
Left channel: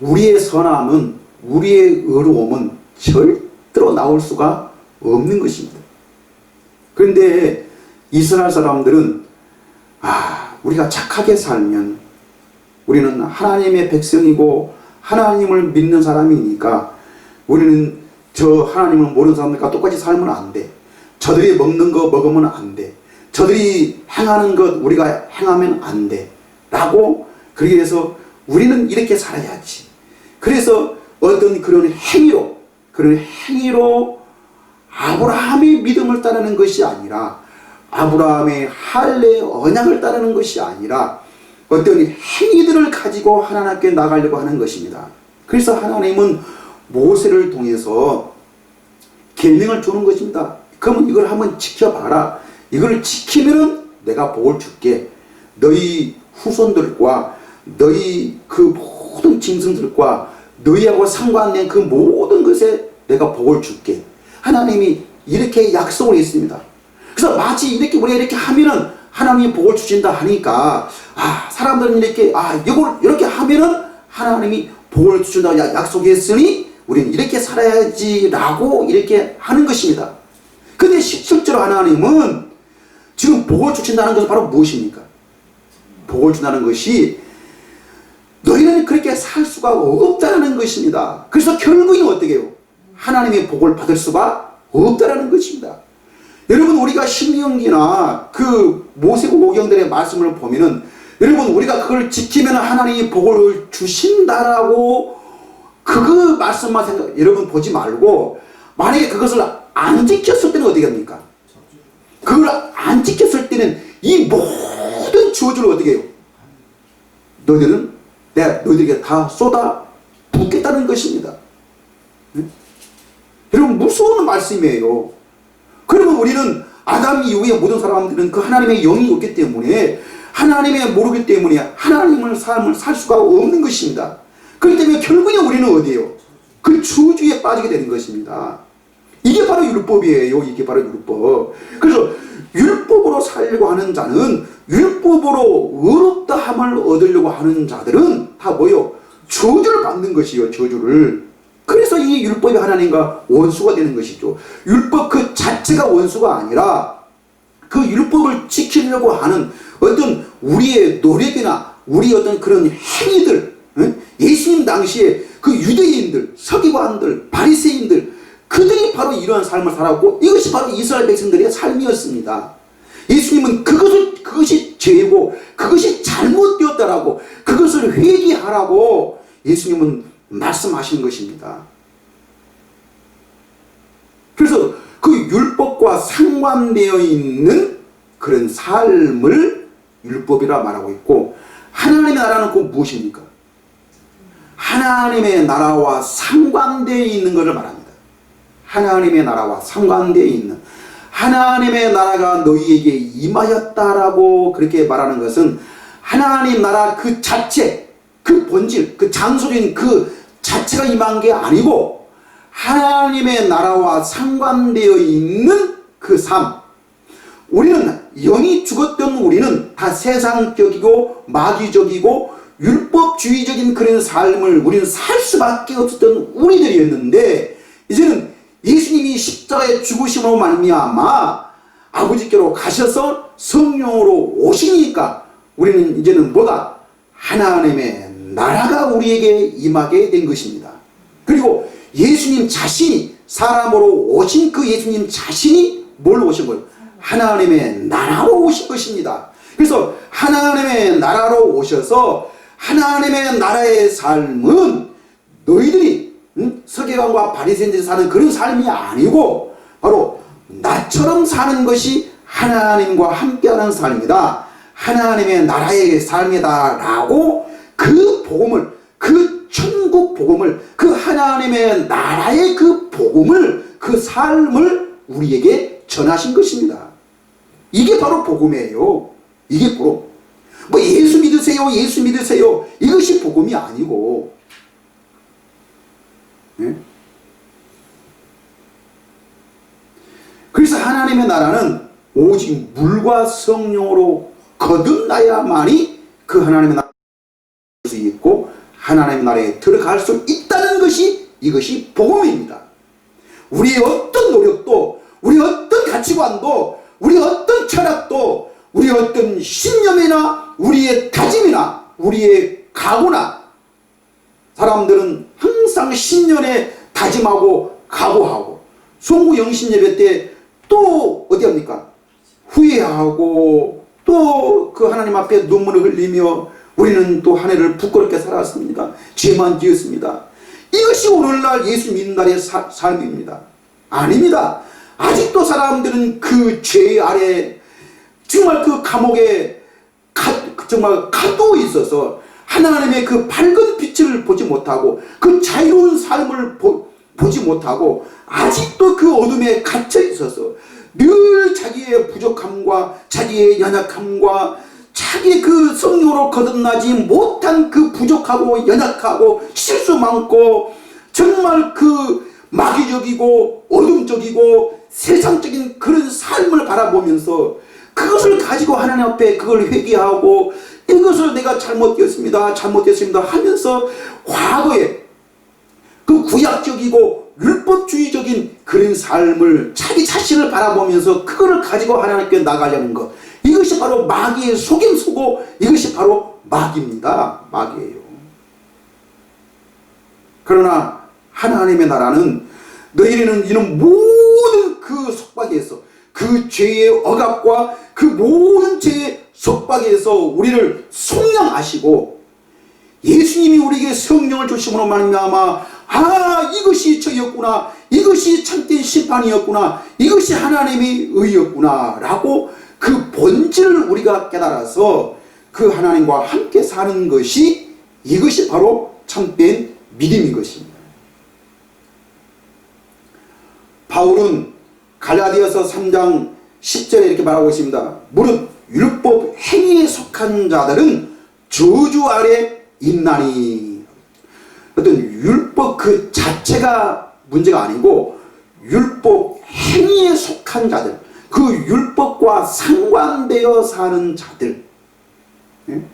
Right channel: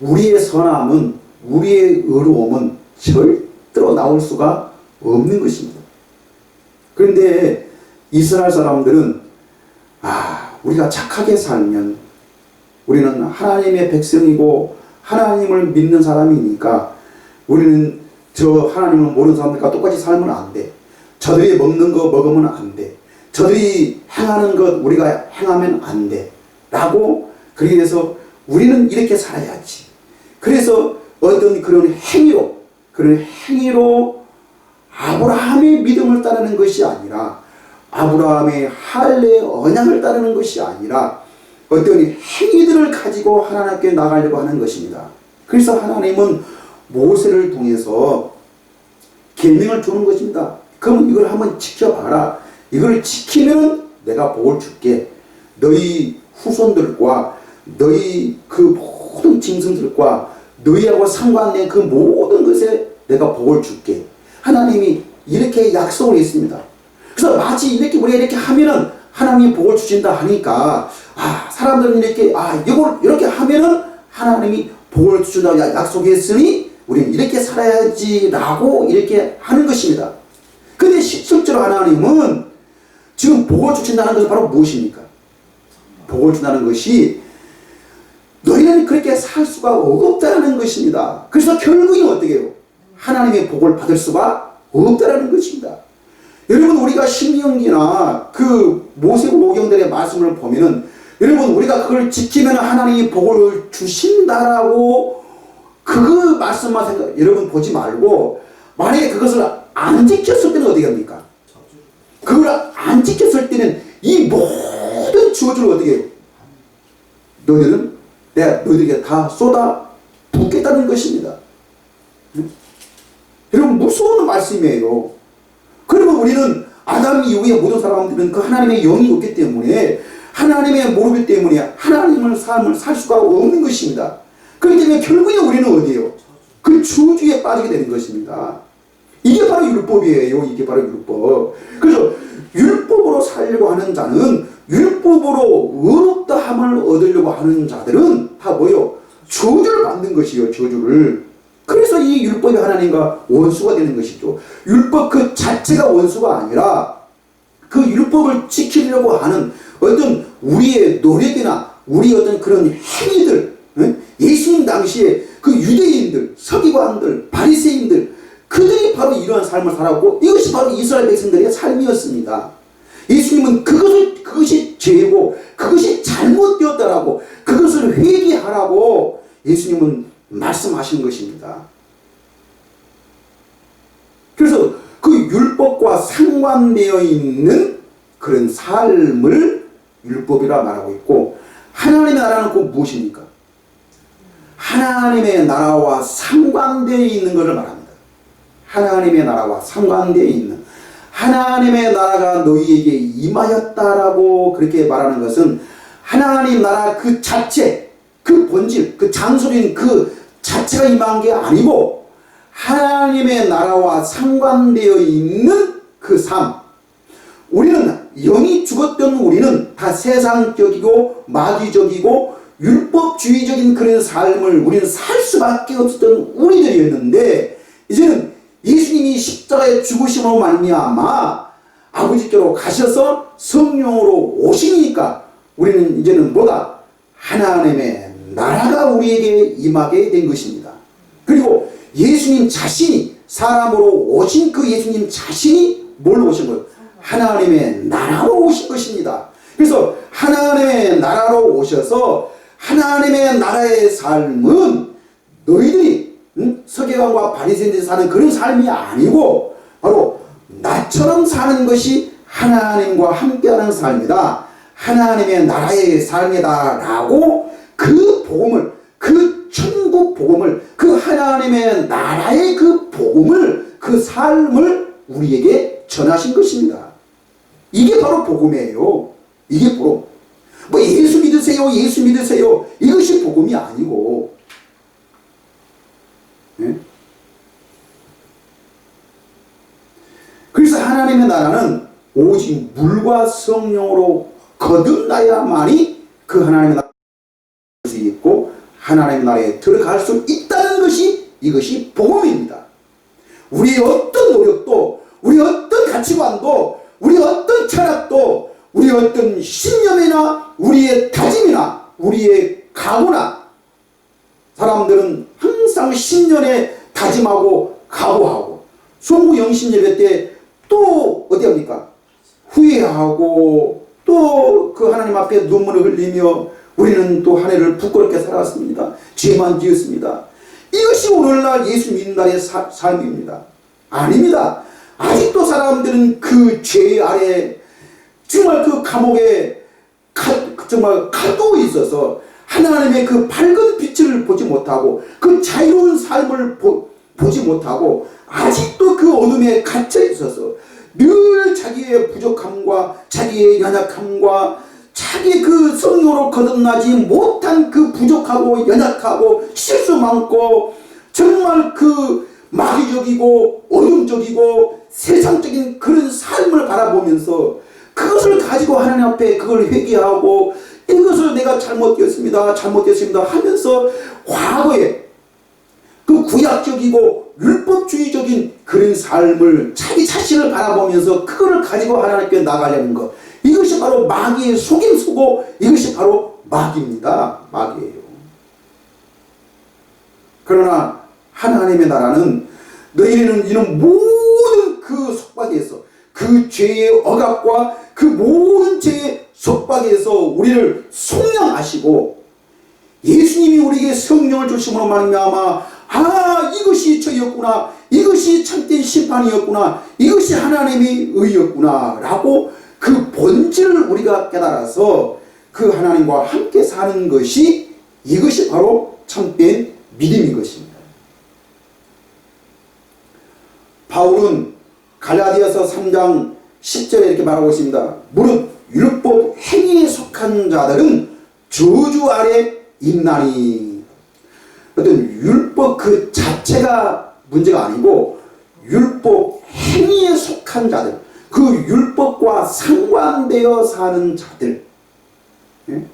우리의 선함은, 우리의 의로움은 절대로 나올 수가 없는 것입니다. 그런데 이스라엘 사람들은 우리가 착하게 살면 우리는 하나님의 백성이고 하나님을 믿는 사람이니까 우리는 저 하나님을 모르는 사람들과 똑같이 살면 안 돼. 저들이 먹는 거 먹으면 안 돼. 저들이 행하는 것 우리가 행하면 안 돼. 라고, 그래서 우리는 이렇게 살아야지. 그래서 어떤 그런 행위로 아브라함의 믿음을 따르는 것이 아니라, 아브라함의 할례 언약을 따르는 것이 아니라 어떤 행위들을 가지고 하나님께 나가려고 하는 것입니다. 그래서 하나님은 모세를 통해서 계명을 주는 것입니다. 그럼 이걸 한번 지켜봐라. 이걸 지키면 내가 복을 줄게. 너희 후손들과 너희 그 모든 짐승들과 너희하고 상관된 그 모든 것에 내가 복을 줄게. 하나님이 이렇게 약속을 했습니다. 그래서 마치 우리가 이렇게 하면은 하나님이 복을 주신다 하니까, 사람들은 이걸 이렇게 하면은 하나님이 복을 주신다고 약속했으니 우리는 이렇게 살아야지라고 이렇게 하는 것입니다. 근데 실제로 하나님은 지금 복을 주신다는 것은 바로 무엇입니까? 복을 준다는 것이 너희는 그렇게 살 수가 없다는 것입니다. 그래서 결국은 어떻게 해요? 하나님의 복을 받을 수가 없다는 것입니다. 여러분, 우리가 신명기나 그 모세오경들의 말씀을 보면은, 여러분, 우리가 그걸 지키면 하나님이 복을 주신다라고 그 말씀만 여러분 보지 말고, 만약에 그것을 안 지켰을 때는 어떻게 합니까? 그걸 안 지켰을 때는 이 모든 저주를 어떻게 해요? 내가 너희들에게 다 쏟아 붓겠다는 것입니다. 여러분, 무서운 말씀이에요. 그러면 우리는 아담 이후에 모든 사람들은 그 하나님의 영이 없기 때문에, 하나님의 모르기 때문에 하나님의 삶을 살 수가 없는 것입니다. 그렇기 때문에 결국에 우리는 어디에요? 그 저주에 빠지게 되는 것입니다. 이게 바로 율법이에요. 이게 바로 율법. 그래서 율법으로 살려고 하는 자는, 율법으로 의롭다함을 얻으려고 하는 자들은 다 뭐요? 저주를 받는 것이요. 저주를. 그래서 이 율법이 하나님과 원수가 되는 것이죠. 율법 그 자체가 원수가 아니라 그 율법을 지키려고 하는 어떤 우리의 노력이나 우리 어떤 그런 행위들, 예수님 당시에 그 유대인들, 서기관들, 바리새인들, 그들이 바로 이러한 삶을 살았고, 이것이 바로 이스라엘 백성들의 삶이었습니다. 예수님은 그것이 죄고 그것이 잘못되었다라고, 그것을 회개하라고 예수님은 말씀하신 것입니다. 그래서 그 율법과 상관되어 있는 그런 삶을 율법이라 말하고 있고, 하나님의 나라는 곧 무엇입니까? 하나님의 나라와 상관되어 있는 것을 말합니다. 하나님의 나라와 상관되어 있는, 하나님의 나라가 너희에게 임하였다라고 그렇게 말하는 것은 하나님 나라 그 자체, 그 본질, 그 장소인 그 자체가 임한 게 아니고, 하나님의 나라와 상관되어 있는 그 삶. 우리는 영이 죽었던 우리는 다 세상적이고 마귀적이고 율법주의적인 그런 삶을 우리는 살 수밖에 없었던 우리들이었는데, 이제는 예수님이 십자가에 죽으심으로 말미암아 아버지께로 가셔서 성령으로 오시니까 우리는 이제는 뭐가? 하나님의 나라가 우리에게 임하게 된 것입니다. 그리고 예수님 자신이, 사람으로 오신 그 예수님 자신이 뭘로 오신 거예요? 하나님의 나라로 오신 것입니다. 그래서 하나님의 나라로 오셔서 하나님의 나라의 삶은 너희들이 서기관과 바리새인들이 사는 그런 삶이 아니고 바로 나처럼 사는 것이 하나님과 함께하는 삶이다, 하나님의 나라의 삶이다 라고 그 복음을, 그 천국 복음을, 그 하나님의 나라의 그 복음을, 그 삶을 우리에게 전하신 것입니다. 이게 바로 복음이에요. 이게 바로 뭐 예수 믿으세요, 예수 믿으세요, 이것이 복음이 아니고, 네? 그래서 하나님의 나라는 오직 물과 성령으로 거듭나야만이 그 하나님의 나라에 수 있고 하나님의 나라에 들어갈 수 있다는 것이, 이것이 복음입니다. 우리의 어떤 노력도, 우리 어떤 가치관도, 우리 어떤 철학도, 우리 어떤 신념이나 우리의 다짐이나 우리의 각오나, 사람들은 항상 신년에 다짐하고 각오하고 송구 영신예배 때 또 어디 합니까? 후회하고 또 그 하나님 앞에 눈물을 흘리며 우리는 또 한 해를 부끄럽게 살았습니다. 죄만 지었습니다. 이것이 오늘날 예수 믿는 날의 삶입니다. 아닙니다. 아직도 사람들은 그 죄 아래, 정말 그 감옥에 정말 가두어 있어서 하나님의 그 밝은 빛을 보지 못하고 그 자유로운 삶을 보지 못하고 아직도 그 어둠에 갇혀 있어서 늘 자기의 부족함과 자기의 연약함과 자기 그 성령으로 거듭나지 못한 그 부족하고 연약하고 실수 많고 정말 그 마귀적이고 어둠적이고 세상적인 그런 삶을 바라보면서 그것을 가지고 하나님 앞에 그걸 회개하고 이것을 내가 잘못되었습니다 하면서 과거에 그 구약적이고 율법주의적인 그런 삶을 자기 자신을 바라보면서 그거를 가지고 하나님께 나가려는 것, 이것이 바로 마귀의 속임수고 이것이 바로 마귀입니다. 마귀예요. 그러나 하나님의 나라는 너희는 이런 모든 그 속박에서, 그 죄의 억압과 그 모든 죄의 속박에서 우리를 속량하시고 예수님이 우리에게 성령을 주심으로 말미암아 이것이 저였구나, 이것이 참된 심판이었구나, 이것이 하나님의 의였구나 라고 그 본질을 우리가 깨달아서 그 하나님과 함께 사는 것이, 이것이 바로 참된 믿음인 것입니다. 바울은 갈라디아서 3장 10절에 이렇게 말하고 있습니다. 무릇 율법 행위에 속한 자들은 저주 아래 있나니. 어떤 율법 그 자체가 문제가 아니고 율법 행위에 속한 자들, 그 율법과 상관되어 사는 자들. 예?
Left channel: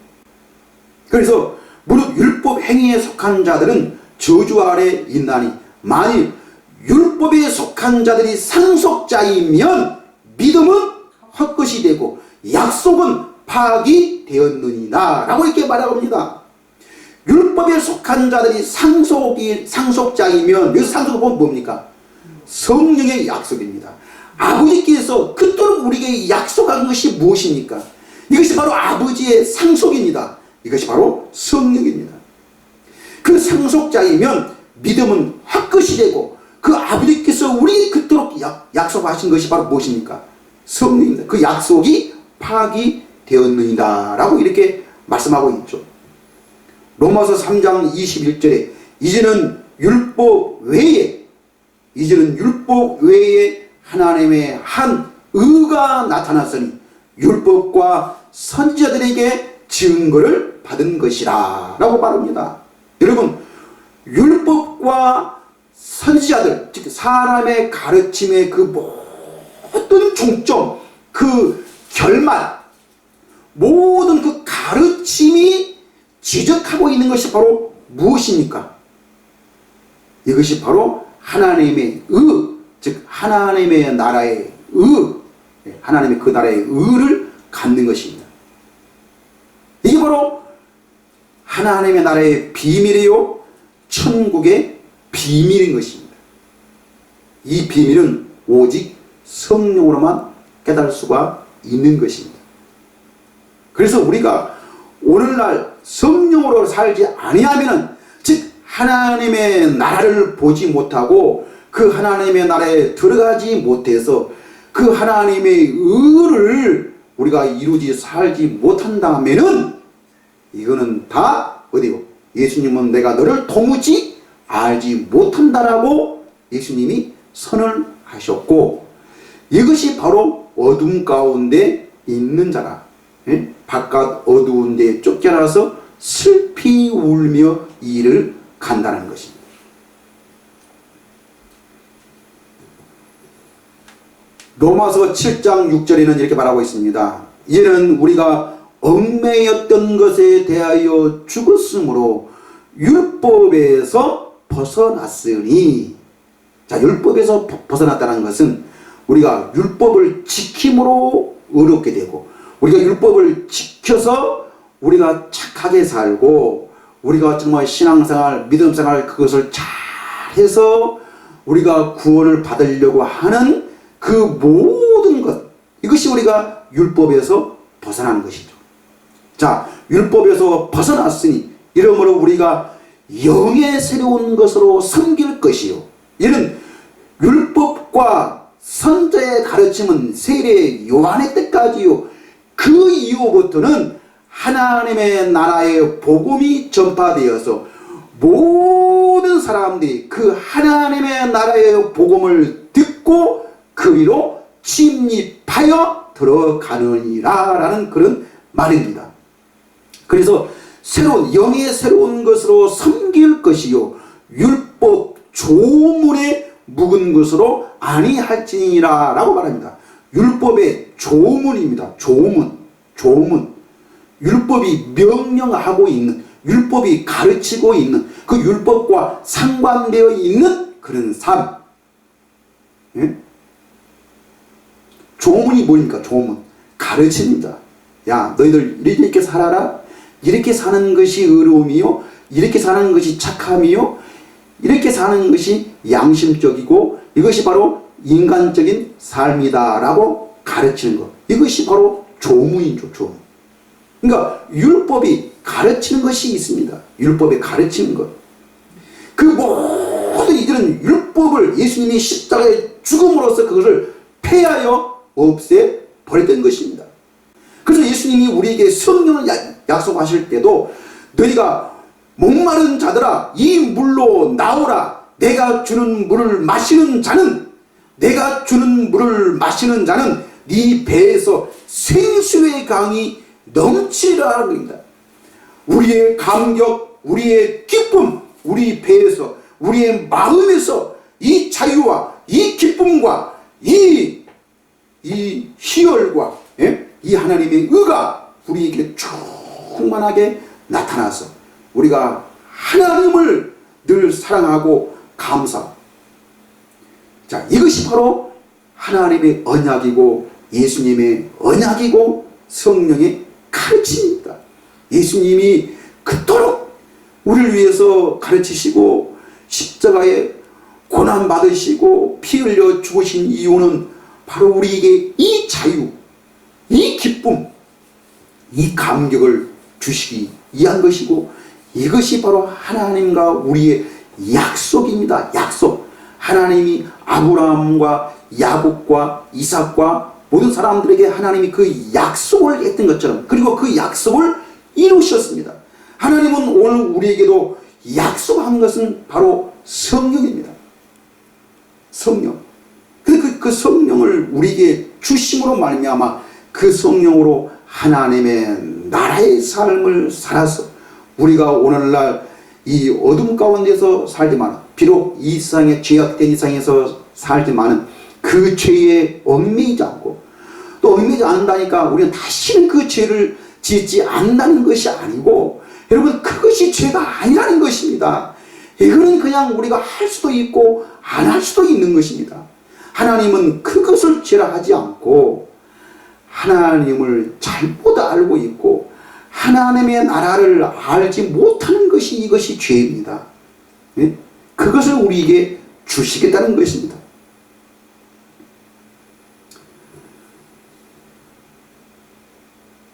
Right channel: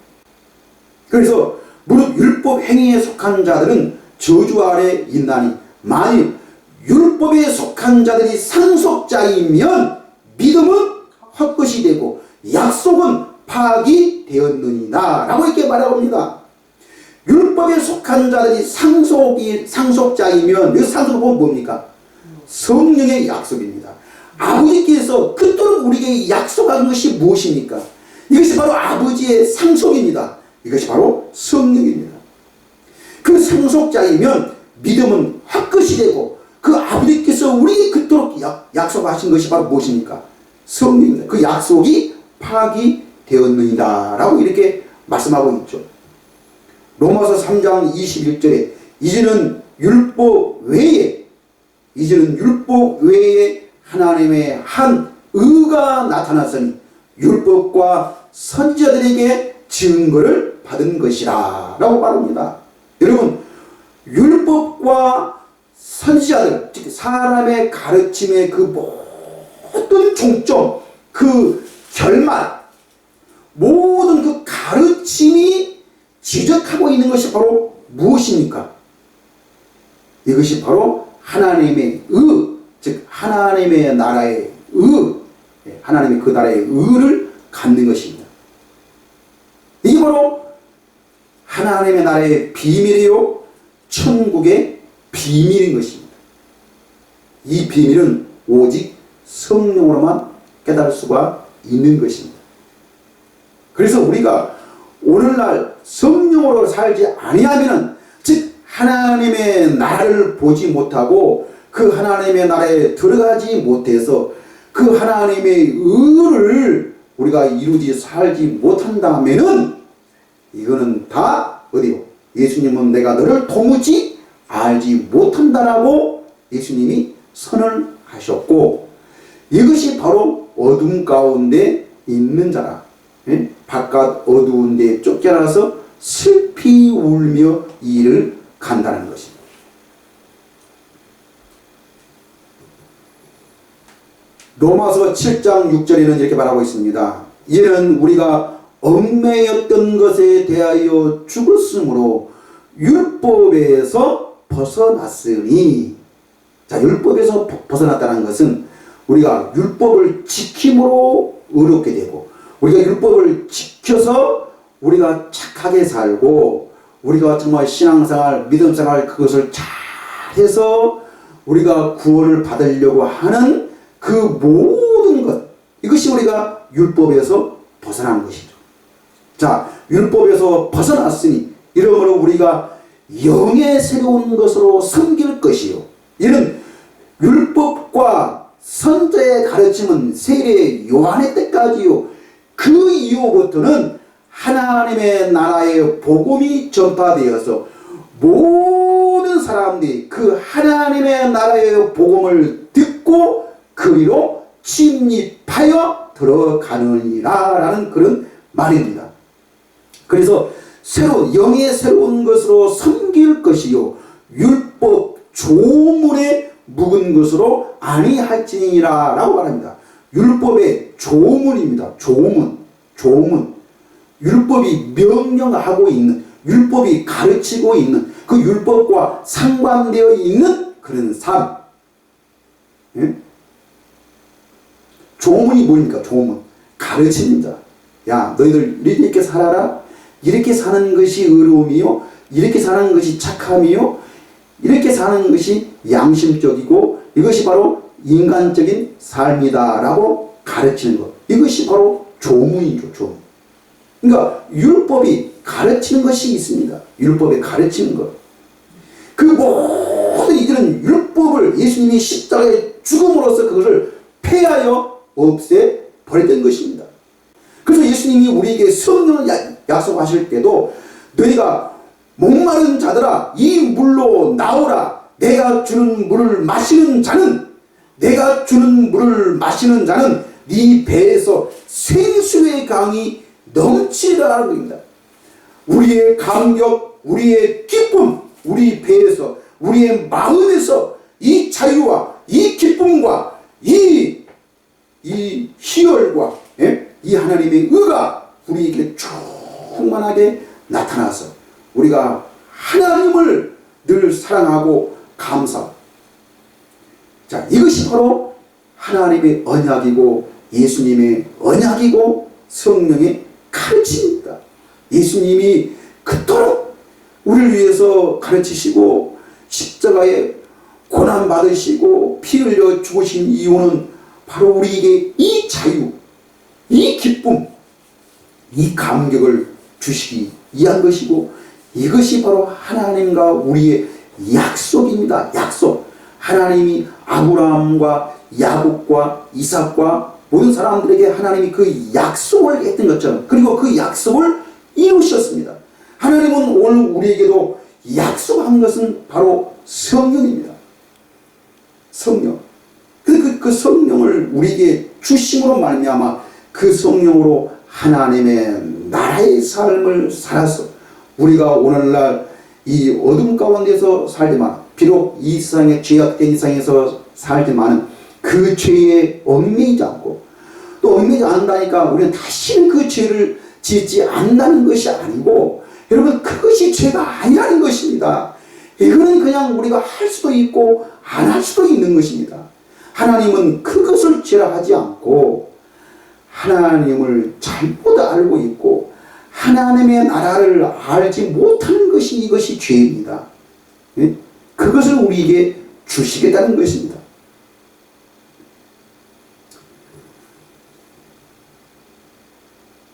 그래서 무릇 율법 행위에 속한 자들은 저주 아래 있나니, 만일 율법에 속한 자들이 상속자이면 믿음은 헛것이 되고 약속은 파악이 되었느니라 라고 이렇게 말합니다. 율법에 속한 자들이 상속자이면, 여기서 상속은 뭡니까? 성령의 약속입니다. 아버지께서 그토록 우리에게 약속한 것이 무엇입니까? 이것이 바로 아버지의 상속입니다. 이것이 바로 성령입니다. 그 상속자이면 믿음은 헛것이 되고 그 아버지께서 우리에게 그토록 약속하신 것이 바로 무엇입니까? 성령입니다. 그 약속이 파악이 되었느니라 라고 이렇게 말씀하고 있죠. 로마서 3장 21절에 이제는 율법 외에 하나님의 한 의가 나타났으니 율법과 선지자들에게 증거를 받은 것이라 라고 말합니다. 여러분, 율법과 선지자들, 즉 사람의 가르침의 그 모든 중점, 그 결말, 모든 그 가르침이 지적하고 있는 것이 바로 무엇입니까? 이것이 바로 하나님의 의, 즉 하나님의 나라의 의, 하나님의 그 나라의 의를 갖는 것입니다. 이게 바로 하나님의 나라의 비밀이요, 천국의 비밀인 것입니다. 이 비밀은 오직 성령으로만 깨달을 수가 있는 것입니다. 그래서 우리가 오늘날 성령으로 살지 아니하면은, 즉 하나님의 나라를 보지 못하고 그 하나님의 나라에 들어가지 못해서 그 하나님의 의를 우리가 이루지 살지 못한다면은 이거는 다 어디요? 예수님은 내가 너를 도무지 알지 못한다라고 예수님이 선언하셨고, 이것이 바로 어둠 가운데 있는 자라. 예? 바깥 어두운 데 쫓겨나서 슬피 울며 이 일을 간다는 것입니다. 로마서 7장 6절에는 이렇게 말하고 있습니다. 이제는 우리가 얽매였던 것에 대하여 죽었으므로 율법에서 벗어났으니, 자, 율법에서 벗어났다는 것은 우리가 율법을 지킴으로 의롭게 되고, 우리가 율법을 지켜서 우리가 착하게 살고, 우리가 정말 신앙생활, 믿음생활 그것을 잘해서 우리가 구원을 받으려고 하는 그 모든 것, 이것이 우리가 율법에서 벗어난 것이죠. 자, 율법에서 벗어났으니 이러므로 우리가 영의 새로운 것으로 섬길 것이요. 이는 율법과 선자의 가르침은 세례 요한의 때까지요. 그 이후부터는 하나님의 나라의 복음이 전파되어서 모든 사람들이 그 하나님의 나라의 복음을 듣고 그리로 침입하여 들어가느니라 라는 그런 말입니다. 그래서 영의 새로운 것으로 섬길 것이요 율법 조문에 묵은 것으로 아니할지니라 라고 말합니다. 율법의 조문입니다. 조문. 율법이 명령하고 있는, 율법이 가르치고 있는, 그 율법과 상관되어 있는 그런 삶. 예? 조문이 뭡니까? 조문. 가르칩니다. 야, 너희들 이렇게 살아라. 이렇게 사는 것이 의로움이요. 이렇게 사는 것이 착함이요. 이렇게 사는 것이 양심적이고 이것이 바로 인간적인 삶이다 라고 가르치는 것. 이것이 바로 조문이죠. 조문. 그러니까 율법이 가르치는 것이 있습니다. 율법에 가르치는 것. 그 모든 이들은 율법을 예수님이 십자가에 죽음으로써 그것을 폐하여 없애버렸던 것입니다. 그래서 예수님이 우리에게 성령을 약속하실 때도 너희가 목마른 자들아 이 물로 나오라. 내가 주는 물을 마시는 자는 네 배에서 생수의 강이 넘치라는 겁니다. 우리의 감격, 우리의 기쁨, 우리 배에서, 우리의 마음에서 이 자유와 이 기쁨과 이 희열과 이 하나님의 의가 우리에게 충만하게 나타나서 우리가 하나님을 늘 사랑하고 감사. 자, 이것이 바로 하나님의 언약이고 예수님의 언약이고 성령의 가르침입니다. 예수님이 그토록 우리를 위해서 가르치시고 십자가에 고난받으시고 피 흘려 죽으신 이유는 바로 우리에게 이 자유, 이 기쁨, 이 감격을 주시기 위한 것이고 이것이 바로 하나님과 우리의 약속입니다. 약속. 하나님이 아브라함과 야곱과 이삭과 모든 사람들에게 하나님이 그 약속을 했던 것처럼 그리고 그 약속을 이루셨습니다. 하나님은 오늘 우리에게도 약속한 것은 바로 성령입니다. 성령. 그 성령을 우리에게 주심으로 말미암아 그 성령으로 하나님의 나라의 삶을 살아서 우리가 오늘날 이 어둠 가운데서 살지만 비록 이 세상에 죄악된 이 세상에서 살지만 그 죄에 얽매이지 않고 또 얽매이지 않는다니까 우리는 다시는 그 죄를 짓지 않는다는 것이 아니고 여러분 그것이 죄가 아니라는 것입니다. 이거는 그냥 우리가 할 수도 있고 안 할 수도 있는 것입니다. 하나님은 그것을 죄라 하지 않고 하나님을 잘못 알고 있고 하나님의 나라를 알지 못하는 것이 이것이 죄입니다. 예? 그것을 우리에게 주시겠다는 것입니다.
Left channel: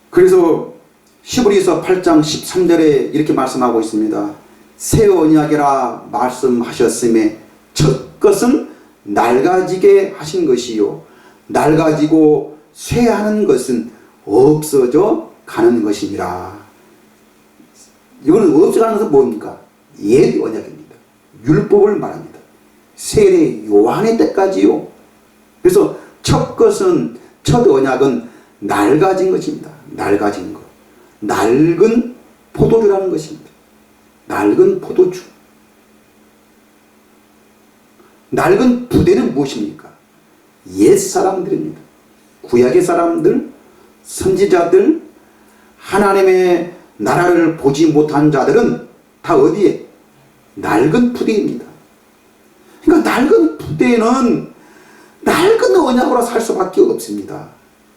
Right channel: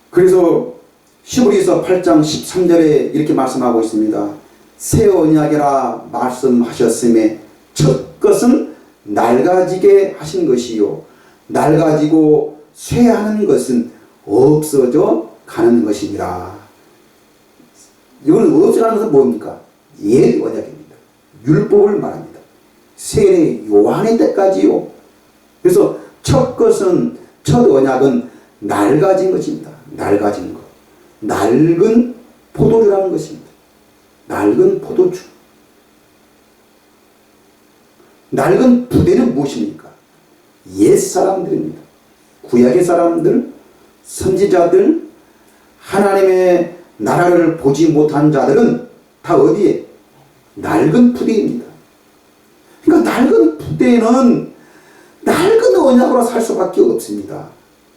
그래서 히브리서 8장 13절에 이렇게 말씀하고 있습니다. 새 언약이라 말씀하셨음에 첫 것은 낡아지게 하신 것이요 낡아지고 쇠하는 것은 없어져 가는 것이니라. 이거는 없애가는 것은 뭡니까? 옛 언약입니다. 율법을 말합니다. 세례 요한의 때까지요. 그래서 첫 언약은 낡아진 것입니다. 낡아진 것. 낡은 포도주라는 것입니다. 낡은 포도주. 낡은 부대는 무엇입니까? 옛 사람들입니다. 구약의 사람들, 선지자들, 하나님의 나라를 보지 못한 자들은 다 어디에? 낡은 부대입니다. 그러니까 낡은 부대는 낡은 언약으로 살 수밖에 없습니다.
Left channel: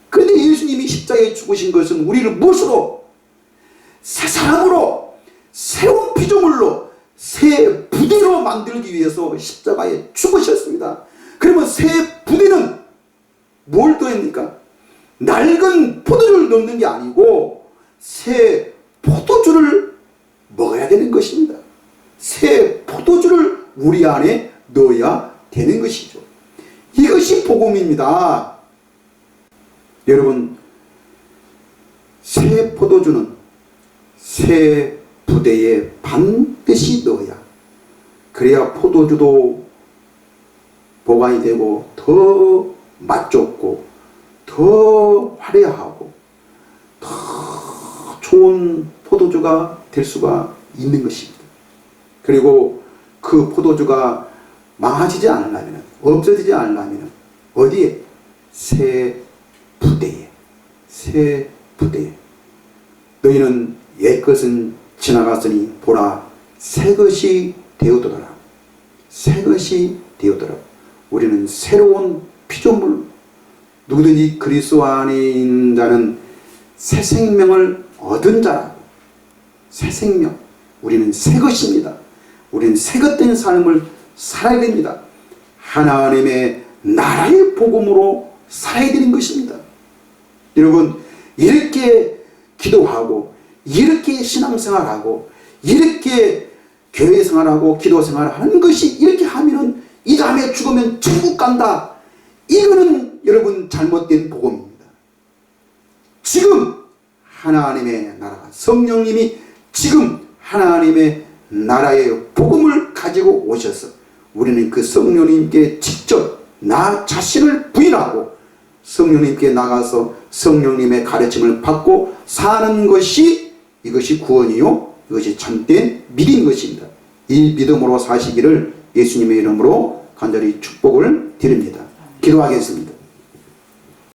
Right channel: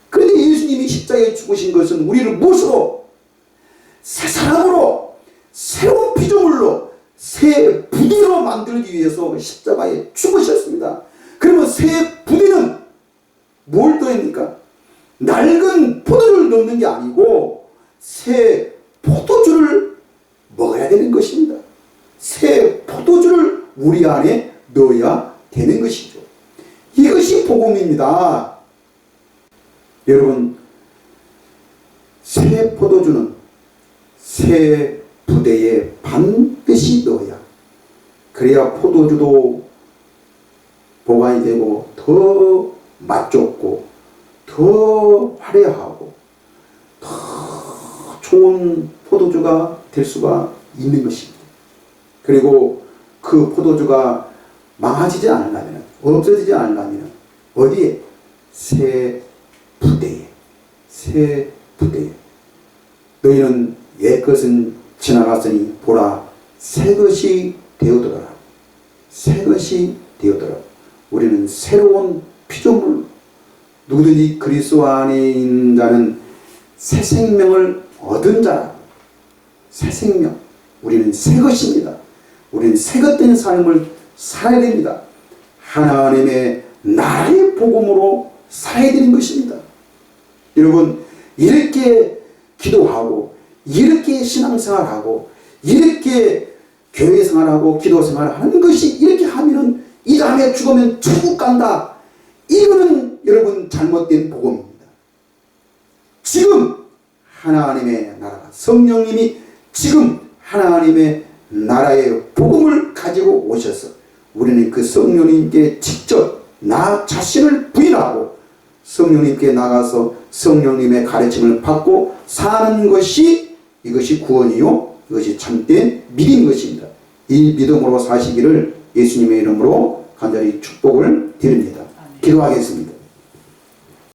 그런데 예수님이 십자가에 죽으신 것은 우리를 무엇으로? 새 사람으로, 새로운 피조물로, 새 부대로 만들기 위해서 십자가에 죽으셨습니다. 그러면 새 부대는 뭘 더합니까? 낡은 포도주를 넣는 게 아니고 새 포도주를 먹어야 되는 것입니다. 새 포도주를 우리 안에 넣어야 되는 것이죠. 이것이 복음입니다. 여러분, 새 포도주는 새 부대에 반드시 넣어야, 그래야 포도주도 보관이 되고 더 맛좋고 더 화려하고 더 좋은 포도주가 될 수가 있는 것입니다. 그리고 그 포도주가 망하지지 않으려면, 없어지지 않으려면 어디에? 새 부대에. 새 부대에. 너희는 옛것은 지나갔으니 보라, 새 것이 되어더라. 새 것이 되어더라. 우리는 새로운 피조물, 누구든지 그리스도 안에 있는 자는 새 생명을 얻은 자라고. 새 생명. 우리는 새 것입니다. 우리는 새 것 된 삶을 살아야 됩니다. 하나님의 나라의 복음으로 살아야 되는 것입니다. 여러분, 이렇게 기도하고, 이렇게 신앙생활하고, 이렇게 교회생활하고 기도생활하는 것이, 이렇게 하면은 이 다음에 죽으면 천국 간다. 이거는 여러분 잘못된 복음입니다. 지금 하나님의 나라, 성령님이 지금 하나님의 나라의 복음을 가지고 오셔서 우리는 그 성령님께 직접 나 자신을 부인하고 성령님께 나가서 성령님의 가르침을 받고 사는 것이, 이것이 구원이요, 이것이 참된 믿음인 것입니다. 이 믿음으로 사시기를 예수님의 이름으로 간절히 축복을 드립니다. 기도하겠습니다.